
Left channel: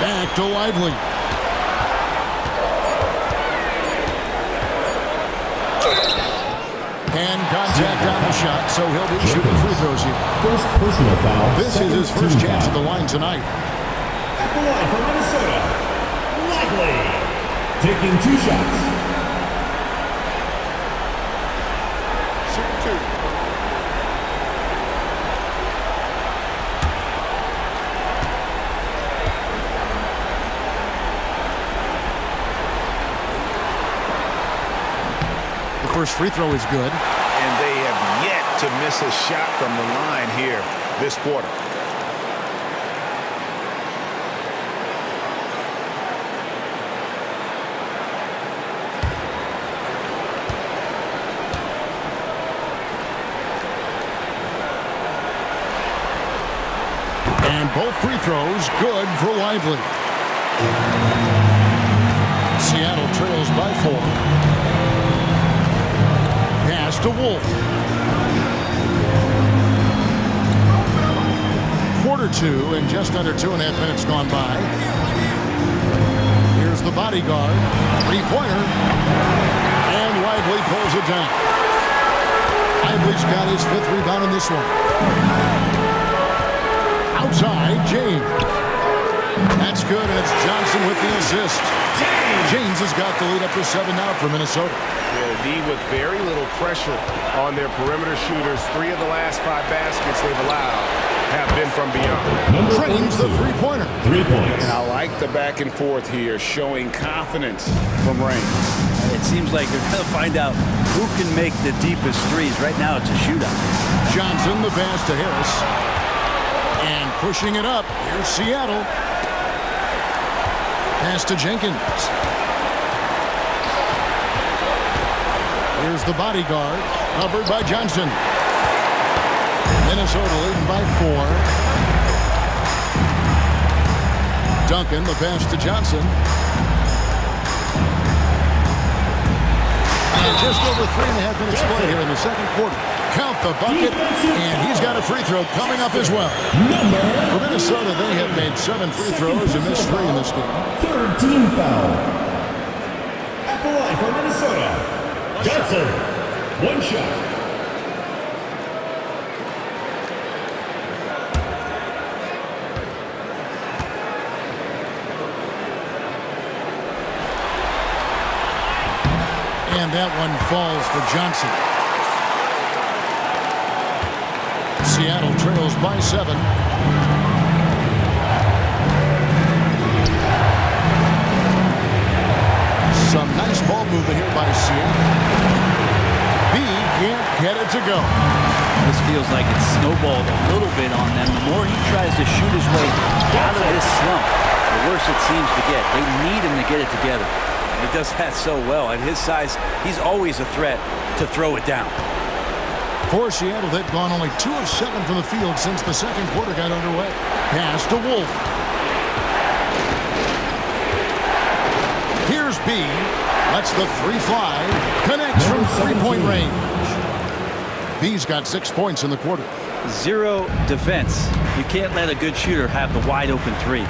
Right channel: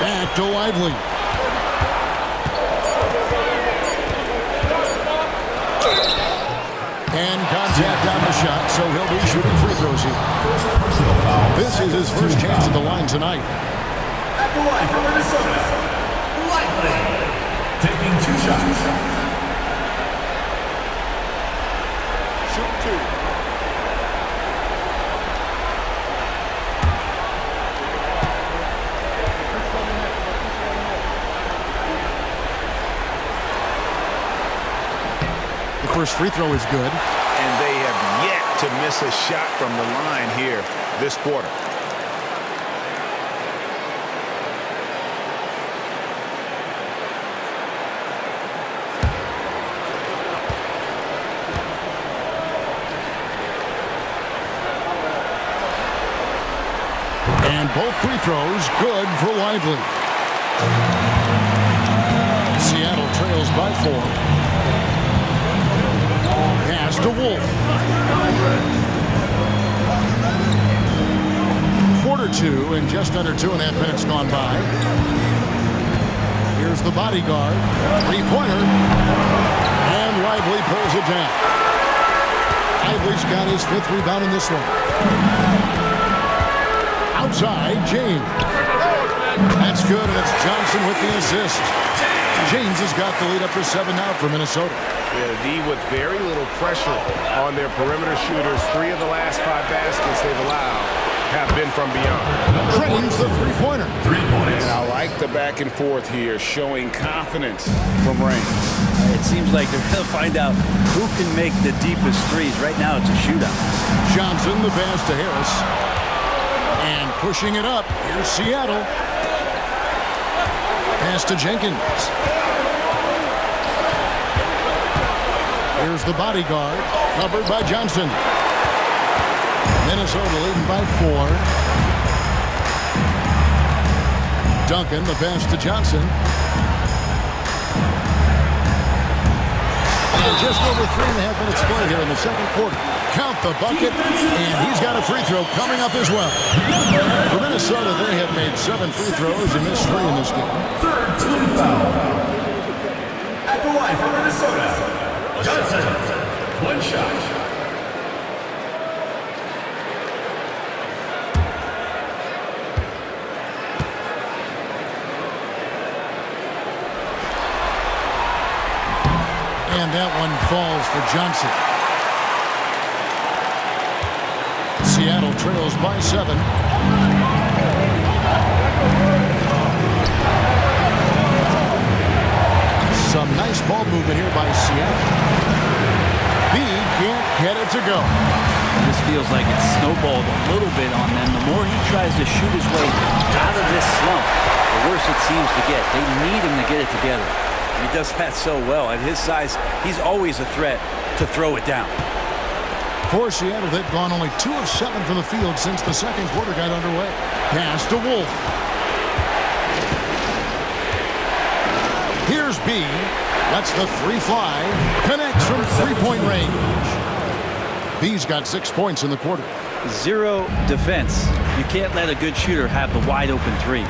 Back to Lively. And contact on the shot, so he'll be shooting free throws here. First personal foul. This is his first chance at the line tonight. At the line for Minnesota, Lively. Taking 2 shots. Shoot 2. The first free throw is good. And they have yet to miss a shot from the line here this quarter. And both free throws good for Lively. Seattle trails by 4. Pass to Wolf. Quarter 2 and just under 2.5 minutes gone by. Here's the bodyguard. 3-pointer. And Lively pulls it down. Lively's got his 5th rebound in this one. Outside, James. That's good, and it's Johnson with the assist. James has got the lead up to 7 now for Minnesota. Yeah, the D with very little pressure on their perimeter shooters. 3 of the last 5 baskets they've allowed have been from beyond. Trains the 3-pointer. 3 points. And I like the back and forth here, showing confidence from range. It seems like they're going to find out who can make the deepest threes. Right now, it's a shootout. Johnson, the pass to Harris. And pushing it up, here's Seattle. Pass to Jenkins. Here's the bodyguard, covered by Johnson. Minnesota leading by 4. Duncan, the pass to Johnson. And just over 3.5 minutes play here in the second quarter. Count the bucket, and he's got a free throw coming up as well. For Minnesota, they have made 7 free throws and missed 3 in this game. 3rd team foul. At the line for Minnesota, Johnson. 1 shot. And that one falls for Johnson. Seattle trails by 7. Some nice ball movement here by Seattle. B can't get it to go. This feels like it's snowballed a little bit on them. The more he tries to shoot his way out of this slump, the worse it seems to get. They need him to get it together. And he does that so well. At his size, he's always a threat to throw it down. For Seattle, they've gone only 2 of 7 from the field since the second quarter got underway. Pass to Wolf. Here's B. Lets the 3 fly. Connects from 3-point range. B's got 6 points in the quarter. 0 defense. You can't let a good shooter have the wide open 3.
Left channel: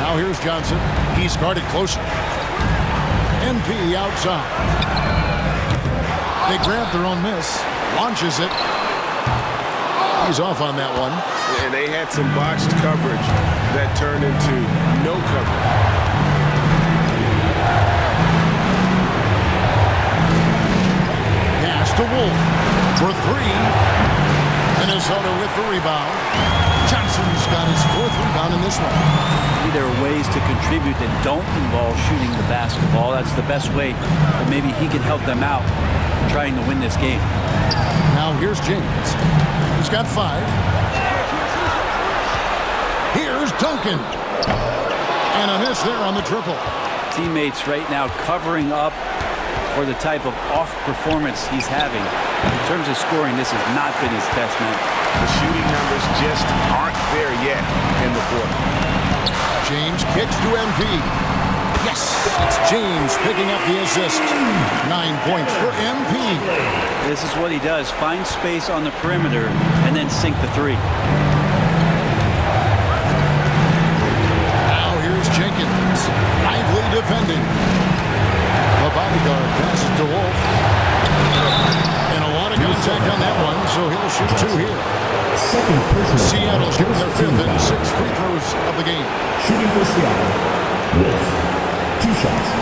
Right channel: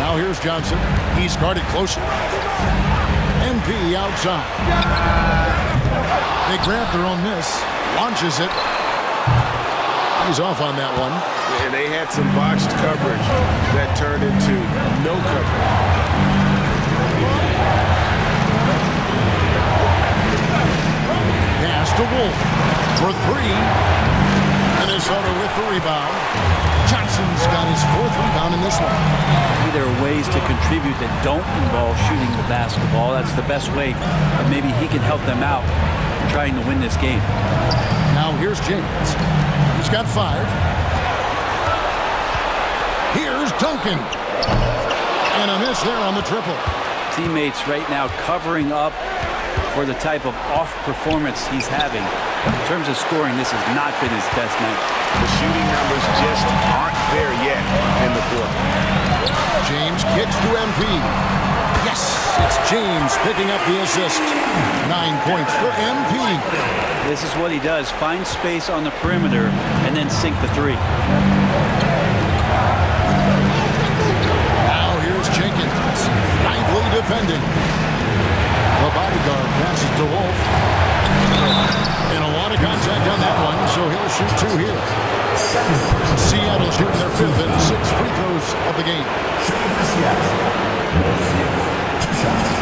Now here's Johnson. He's guarded closer. MP outside. They grab their own miss. Launches it. He's off on that one. And they had some botched coverage that turned into no coverage. Pass to Wolf for 3. Minnesota with the rebound. Johnson's got his 4th rebound in this one. Maybe there are ways to contribute that don't involve shooting the basketball. That's the best way that maybe he can help them out trying to win this game. Now here's James. He's got 5. Here's Duncan. And a miss there on the triple. Teammates right now covering up for the type of off performance he's having. In terms of scoring, this has not been his best night. The shooting numbers just aren't there yet in the quarter. James kicks to MP. Yes, it's James picking up the assist. 9 points for MP. This is what he does. Find space on the perimeter and then sink the 3. Now here's Jenkins. Lively defending. The bodyguard passes to Wolf. And a lot of contact on that one, so he'll shoot 2 here. Seattle shooting their 5th and 6th free throws of the game. Shooting for Seattle. Wolf. 2 shots.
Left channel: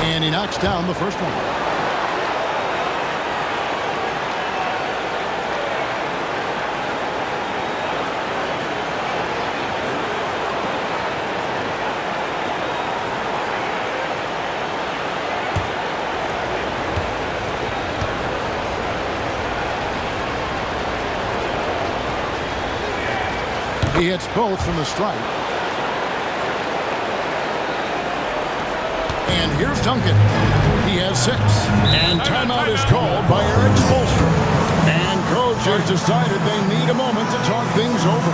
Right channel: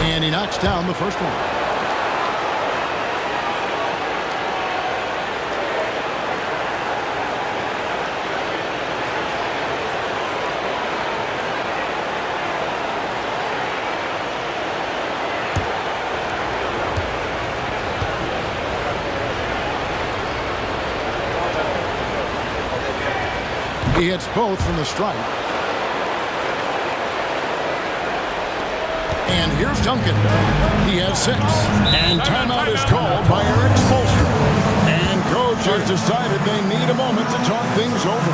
And he knocks down the first one. He hits both from the stripe. And here's Duncan. He has 6. And timeout is called by Eric Spoelstra. And coach has decided they need a moment to talk things over.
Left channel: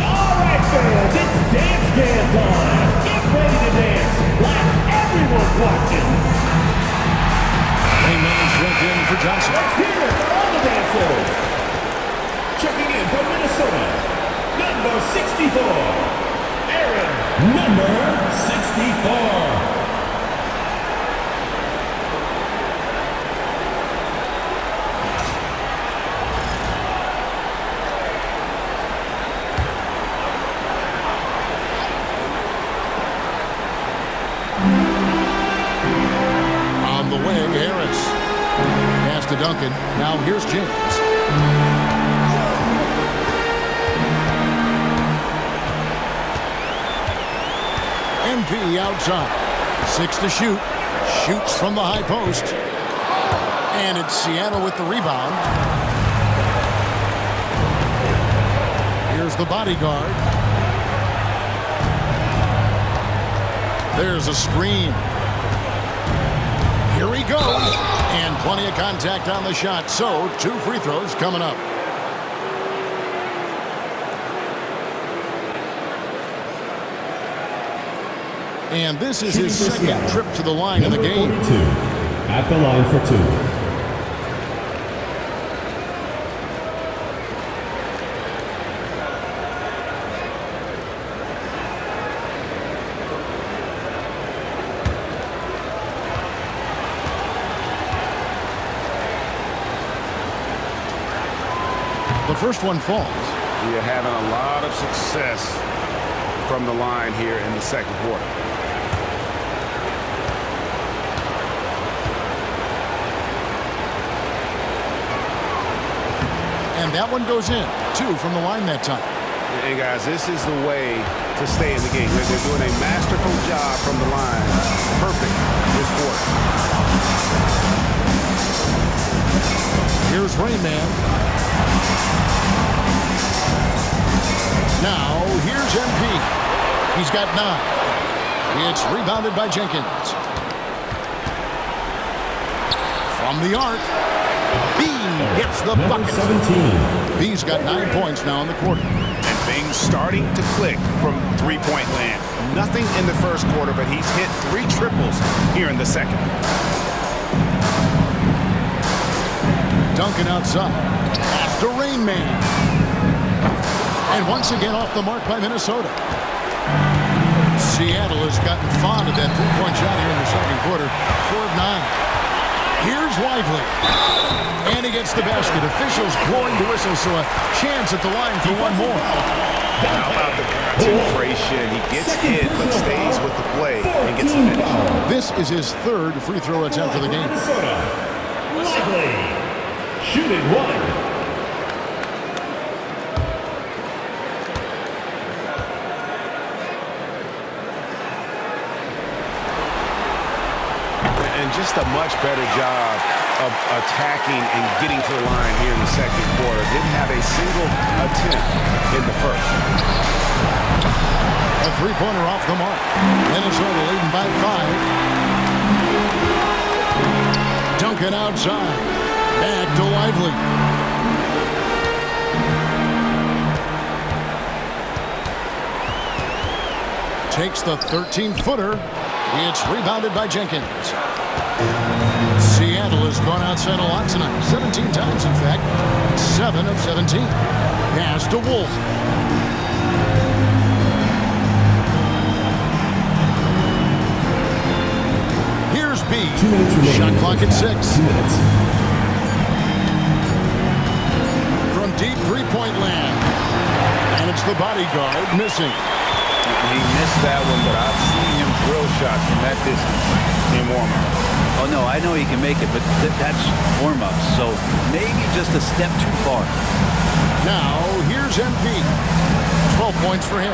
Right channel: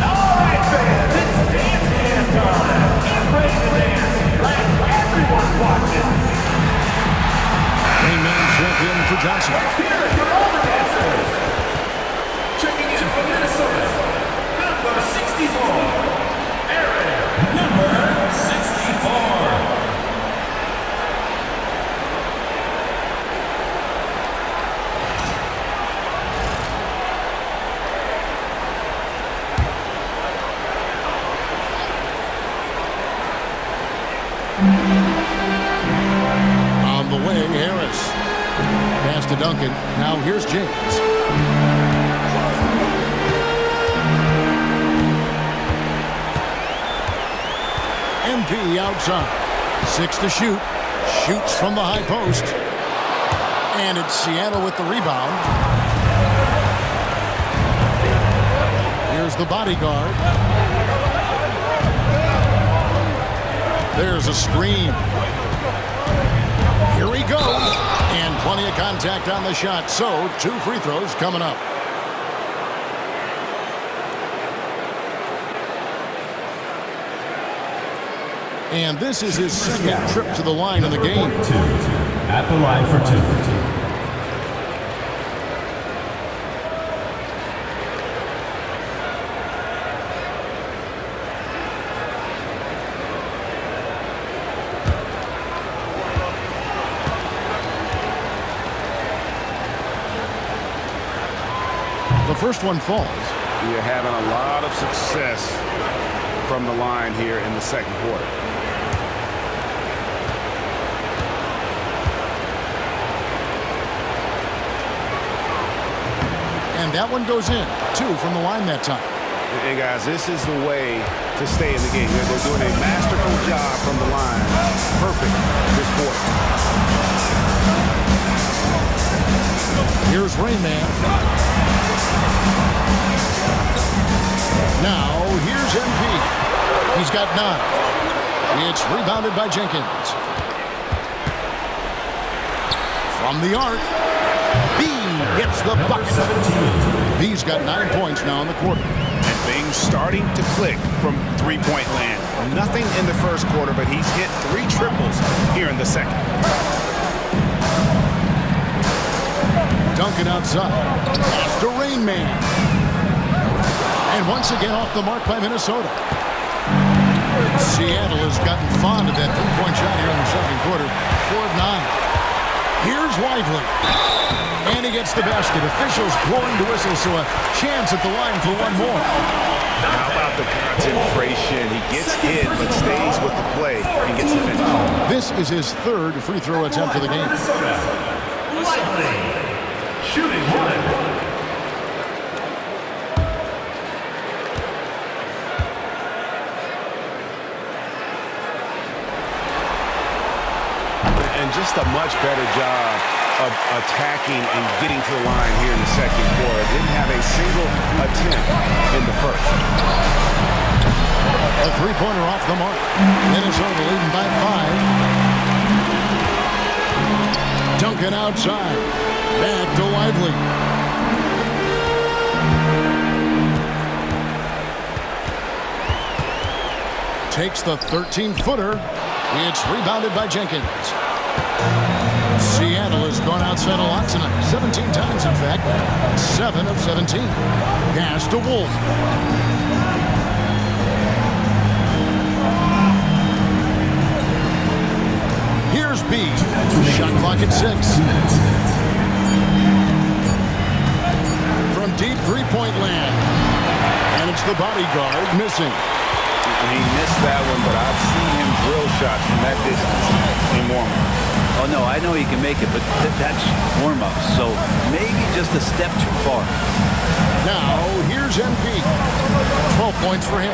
All right, fans, it's dance can time. Get ready to dance like everyone's watching. Raymond check in for Johnson. Let's hear it for all the dancers. Checking in from Minnesota, number 64, Aaron, number 64. On the wing, Harris. Pass to Duncan. Now here's James. MP outside. 6 to shoot. Shoots from the high post. And it's Seattle with the rebound. Here's the bodyguard. There's a screen. Here he goes. And plenty of contact on the shot. So 2 free throws coming up. And this is his second trip to the line in the game. 42 at the line for 2. The first one falls. You're having a lot of success from the line here in the second quarter. And that one goes in. 2 from the line that time. And guys, this is the way to stay in the game. They're doing a masterful job from the line. Perfect this quarter. Here's Rain Man. Now, here's MP. He's got 9. It's rebounded by Jenkins. From the arc, B gets the bucket. 17. B's got 9 points now in the quarter. And things starting to click from three-point land. Nothing in the first quarter, but he's hit 3 triples here in the second. Duncan outside. Pass to Rain Man. And once again off the mark by Minnesota. Seattle has gotten fond of that three-point shot here in the second quarter. 4 of 9. Here's Lively. And he gets the basket. Officials blowing the whistle, so a chance at the line for one more. How about the concentration? He gets hit, but stays with the play and gets the finish. This is his 3rd free throw attempt of the game. Minnesota. Lively. Shooting 1. And just a much better job of attacking and getting to the line here in the second quarter. Didn't have a single attempt in the first. A three-pointer off the mark. Minnesota leading by 5. Duncan outside. Back to Lively. Takes the 13-footer. It's rebounded by Jenkins. Seattle has gone outside a lot tonight. 17 times, in fact. 7 of 17. Pass to Wolf. Here's B. 2 minutes remaining. Shot clock at 6. 2 minutes. From deep three-point land. And it's the bodyguard missing. He missed that one, but I've seen him drill shots from that distance in warm-up. Oh, no, I know he can make it, but that's warm-up, so maybe just a step too far. Now, here's MP. 12 points for him.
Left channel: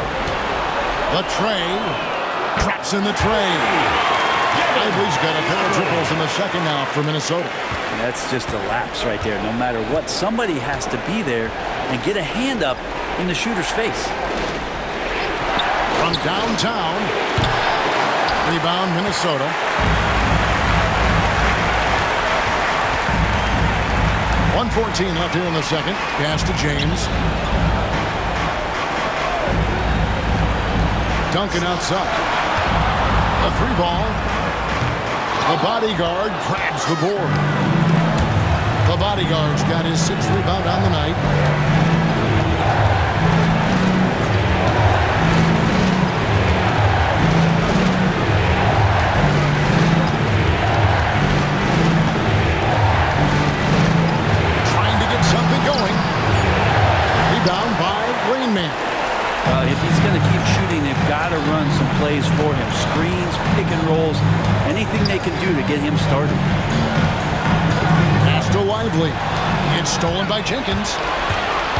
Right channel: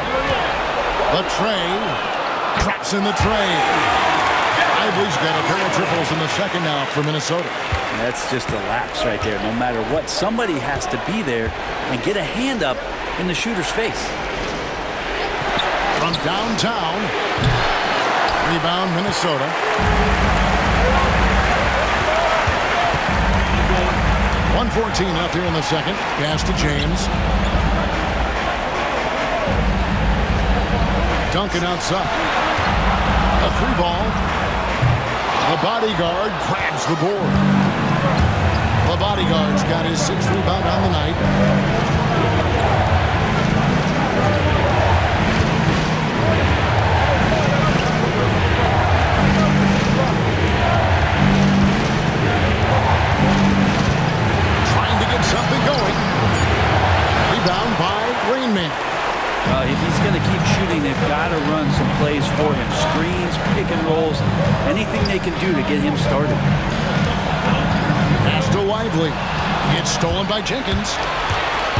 The tray. Traps in the tray. Lively's got a pair of triples in the second now for Minnesota. That's just a lapse right there. No matter what, somebody has to be there and get a hand up in the shooter's face. From downtown. Rebound, Minnesota. .114 left here in the second. Pass to James. Duncan outside. A 3-ball. The bodyguard grabs the board. The bodyguard's got his 6th rebound on the night. Something going. Rebound by Rain Man. Well, if he's going to keep shooting, they've got to run some plays for him. Screens, pick and rolls, anything they can do to get him started. Pass to Lively. It's stolen by Jenkins.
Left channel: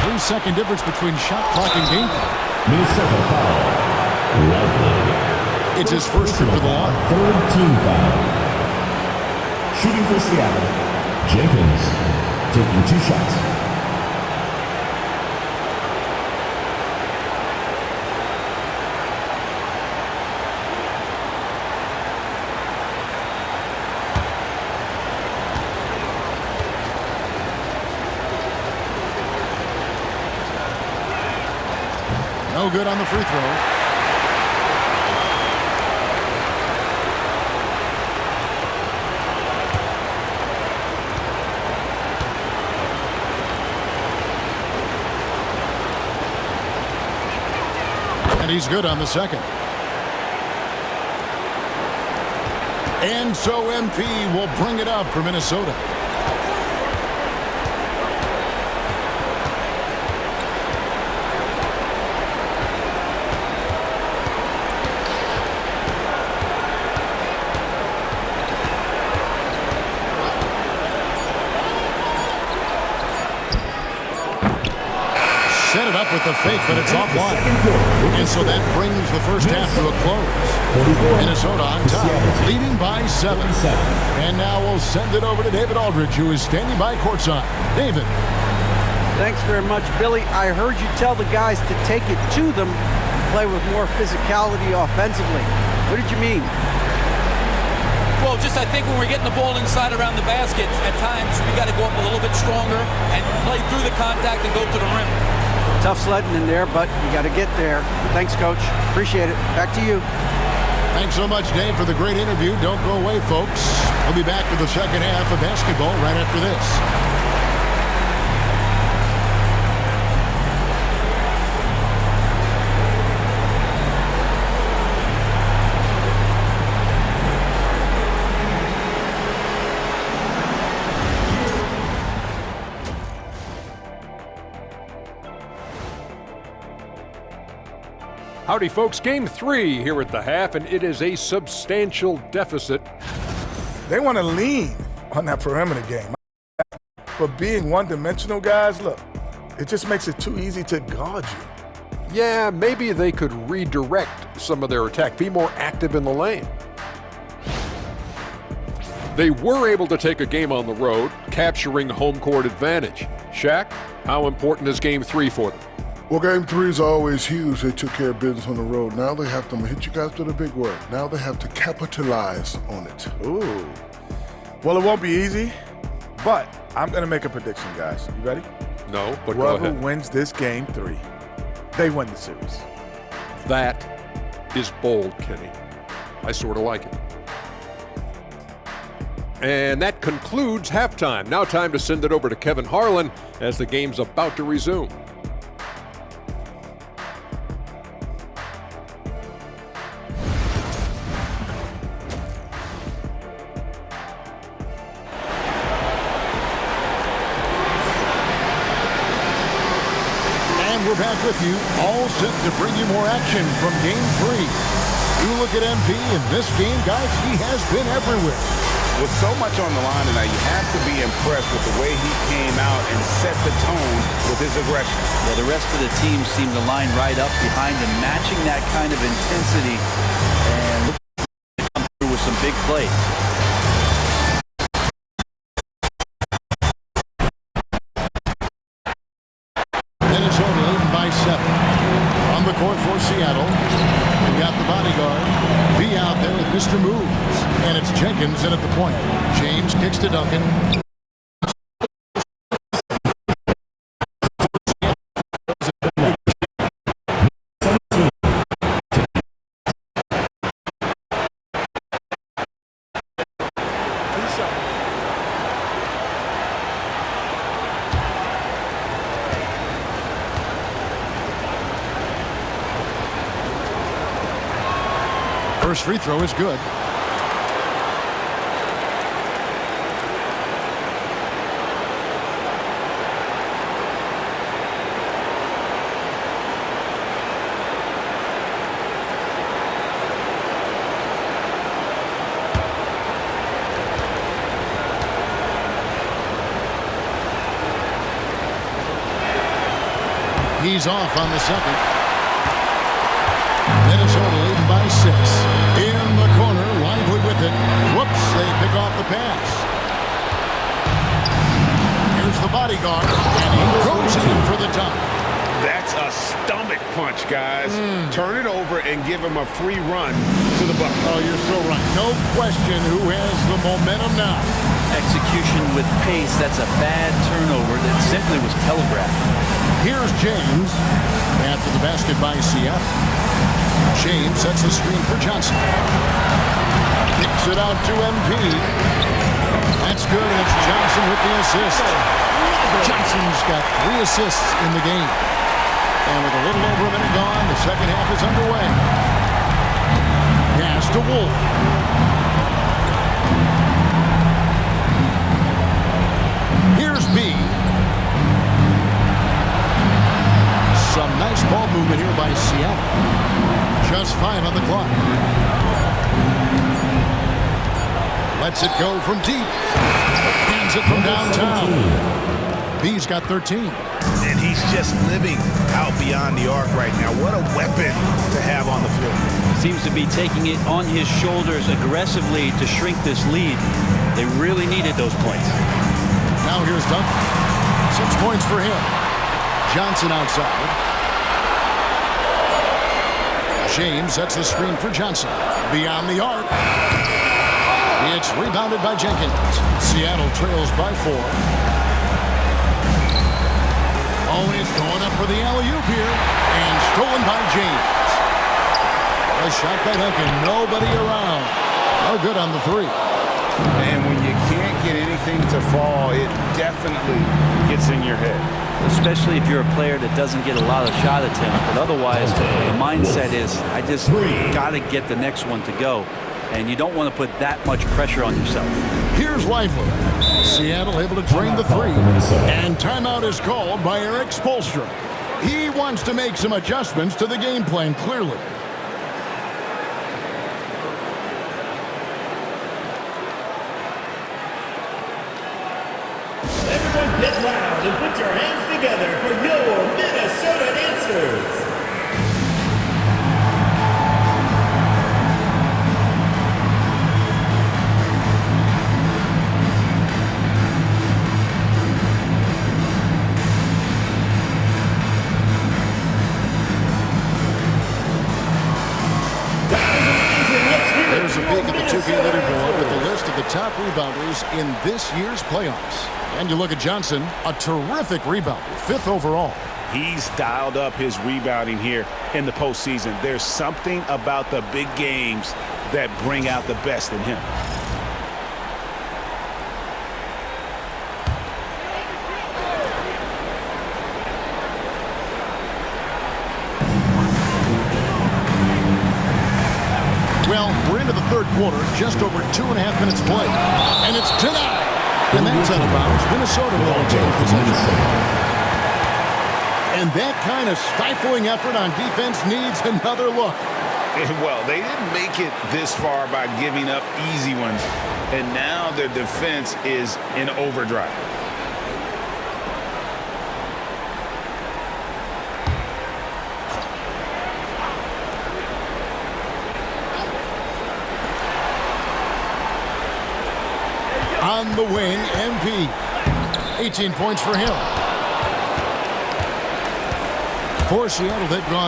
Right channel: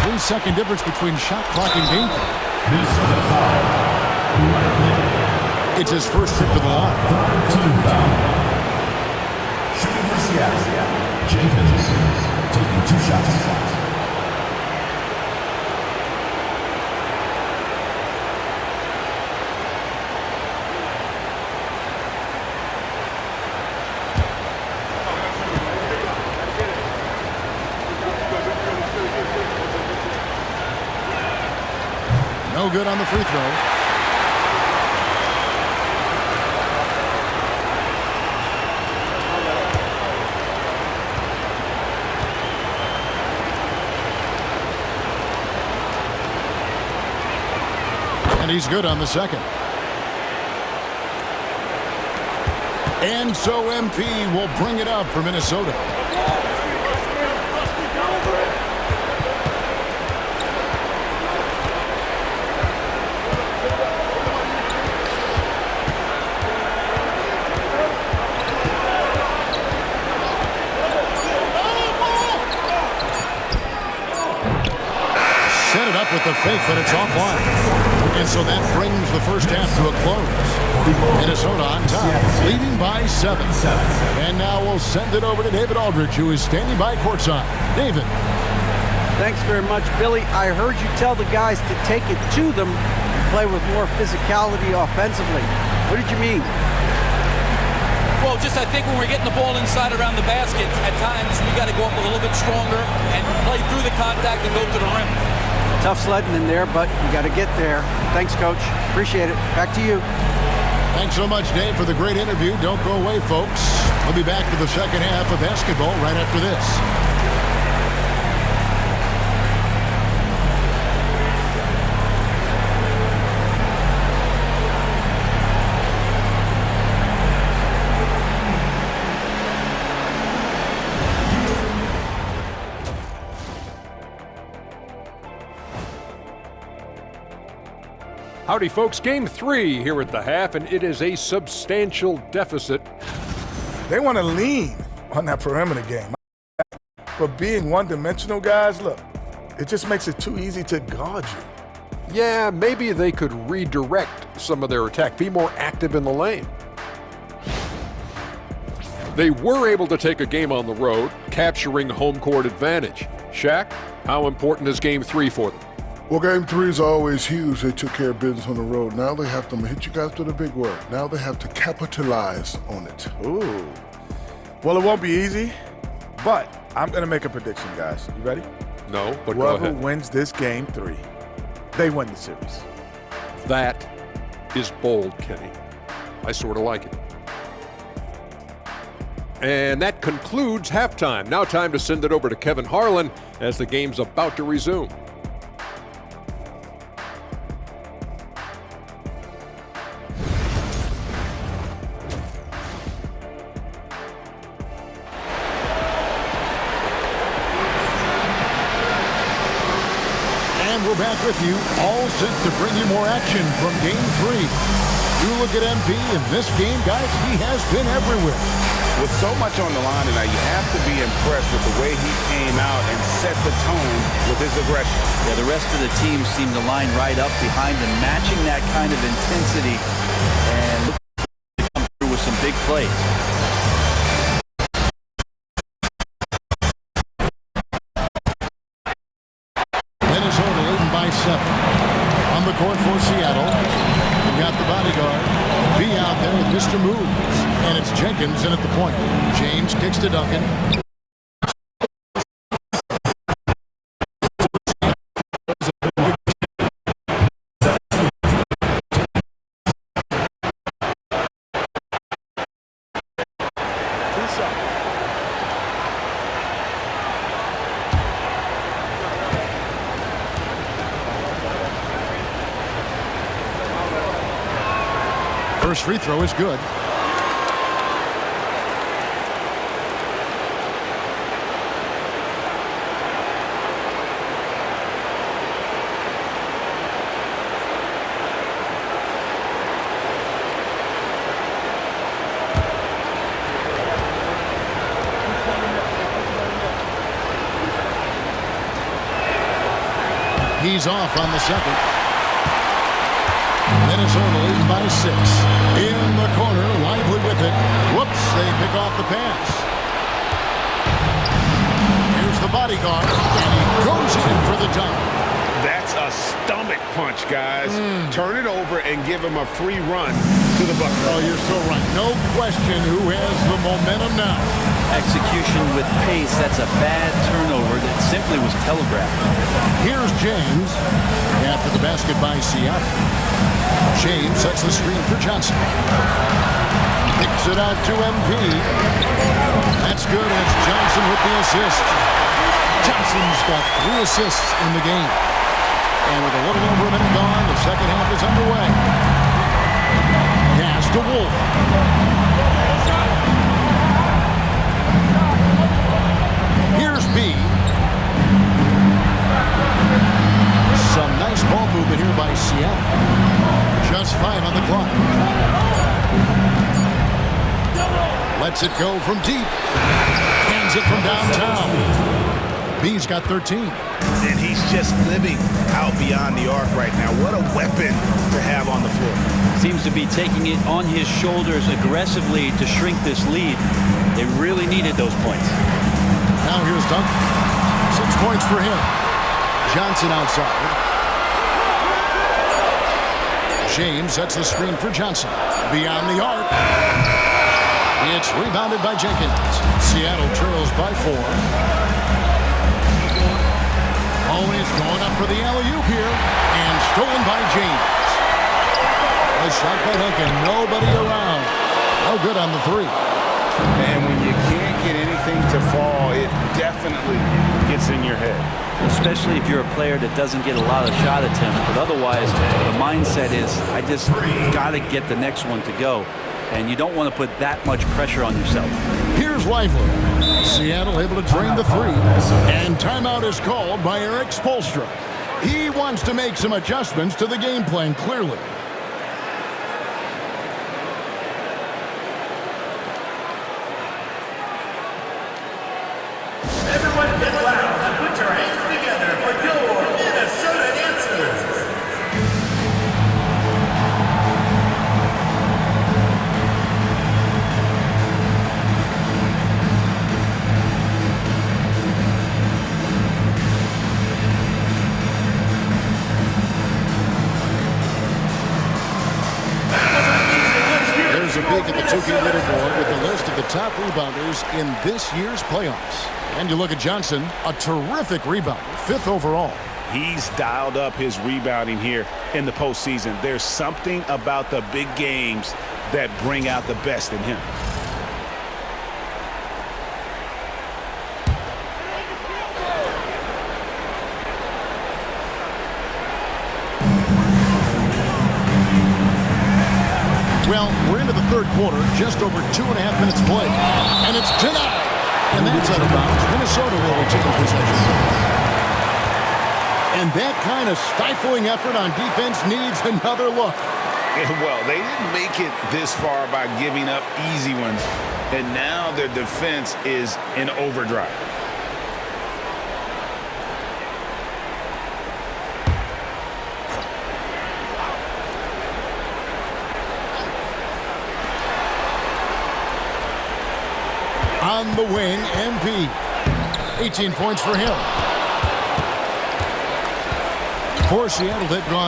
3-second difference between shot clock and game clock. Minnesota foul. Lively. It's his first trip to the line. 3rd team foul. Shooting for Seattle. Jenkins taking 2 shots. No good on the free throw. And he's good on the second. And so MP will bring it up for Minnesota. Set it up with the fake, but it's offline. And so that brings the first half to a close. Minnesota on top, leading by 7. And now we'll send it over to David Aldridge, who is standing by courtside. David. Thanks very much, Billy. I heard you tell the guys to take it to them and play with more physicality offensively. What did you mean? Well, just I think when we're getting the ball inside around the basket, at times we got to go up a little bit stronger and play through the contact and go to the rim. Tough sledding in there, but you got to get there. Thanks, Coach. Appreciate it. Back to you. Thanks so much, Dave, for the great interview. Don't go away, folks. We'll be back to the second half of basketball right after this. Howdy, folks. Game 3 here at the half, and it is a substantial deficit. They want to lean on that perimeter game. But being one-dimensional, guys, look, it just makes it too easy to guard you. Yeah, maybe they could redirect some of their attack, be more active in the lane. They were able to take a game on the road, capturing home court advantage. Shaq, how important is Game 3 for them? Well, Game 3 is always huge. They took care of business on the road. Now they have to, I'm gonna hit you guys with a big word. Now they have to capitalize on it. Ooh. Well, it won't be easy, but I'm going to make a prediction, guys. You ready? No, but go Whoever ahead. wins this Game 3, they win the series. That is bold, Kenny. I sort of like it. And that concludes halftime. Now time to send it over to Kevin Harlan as the game's about to resume. And we're back with you, all set to bring you more action from Game 3. You look at MP in this game, guys, he has been everywhere. With so much on the line tonight, you have to be impressed with the way he came out and set the tone with his aggression. Yeah, the rest of the team seemed to line right up behind him, matching that kind of intensity, and look to come through with some big plays. Minnesota leading by 7. On the court for Seattle, we've got the bodyguard. B out there with Mr. Moves. And it's Jenkins in at the point. James kicks to Duncan. First free throw is good. He's off on the second. Minnesota leading by 6. In the corner, lively with it. Whoops, they pick off the pass. Here's the bodyguard, and he goes in for the dunk. That's a stomach punch, guys. Turn it over and give him a free run to the bucket. Oh, you're so right. No question who has the momentum now. Execution with pace, that's a bad turnover that simply was telegraphed. Here's James after the basket by Seattle. James sets the screen for Johnson. Kicks it out to MP. That's good, and it's Johnson with the assist. Johnson's got 3 assists in the game. And with a little over a minute gone, the second half is underway. Pass to Wolf. Here's B. Some nice ball movement here by Seattle. Just 5 on the clock. Lets it go from deep. Hands it from downtown. B's got 13. And he's just living out beyond the arc right now. What a weapon to have on the floor. Seems to be taking it on his shoulders aggressively to shrink this lead. They really needed those points. Now here's Duncan. 6 points for him. Johnson outside. James sets the screen for Johnson. Beyond the arc. It's rebounded by Jenkins. Seattle trails by 4. Oh, and it's going up for the alley-oop here. And stolen by James. A shot by Duncan. Nobody around. No good on the 3. And when you can't get anything to fall, it definitely gets in your head. Especially if you're a player that doesn't get a lot of shot attempts. But otherwise, the mindset is, I just got to get the next one to go. And you don't want to put that much pressure on yourself. Here's Lively. Seattle able to drain the 3. And timeout is called by Eric Spoelstra. He wants to make some adjustments to the game plan, clearly. Everyone get loud and put your hands together for your Minnesota answers. There's a peek at the 2K leaderboard with the list of the top rebounders in this year's playoffs. And you look at Johnson, a terrific rebounder, 5th overall. He's dialed up his rebounding here in the postseason. There's something about the big games that bring out the best in him. Well, we're into the 3rd quarter, just over 2.5 minutes played. And it's denied. And that's out of bounds. Minnesota will retain possession. And that kind of stifling effort on defense needs another look. Well, they didn't make it this far by giving up easy ones. And now their defense is in overdrive. On the wing, MP. 18 points for him. For Seattle, they've gone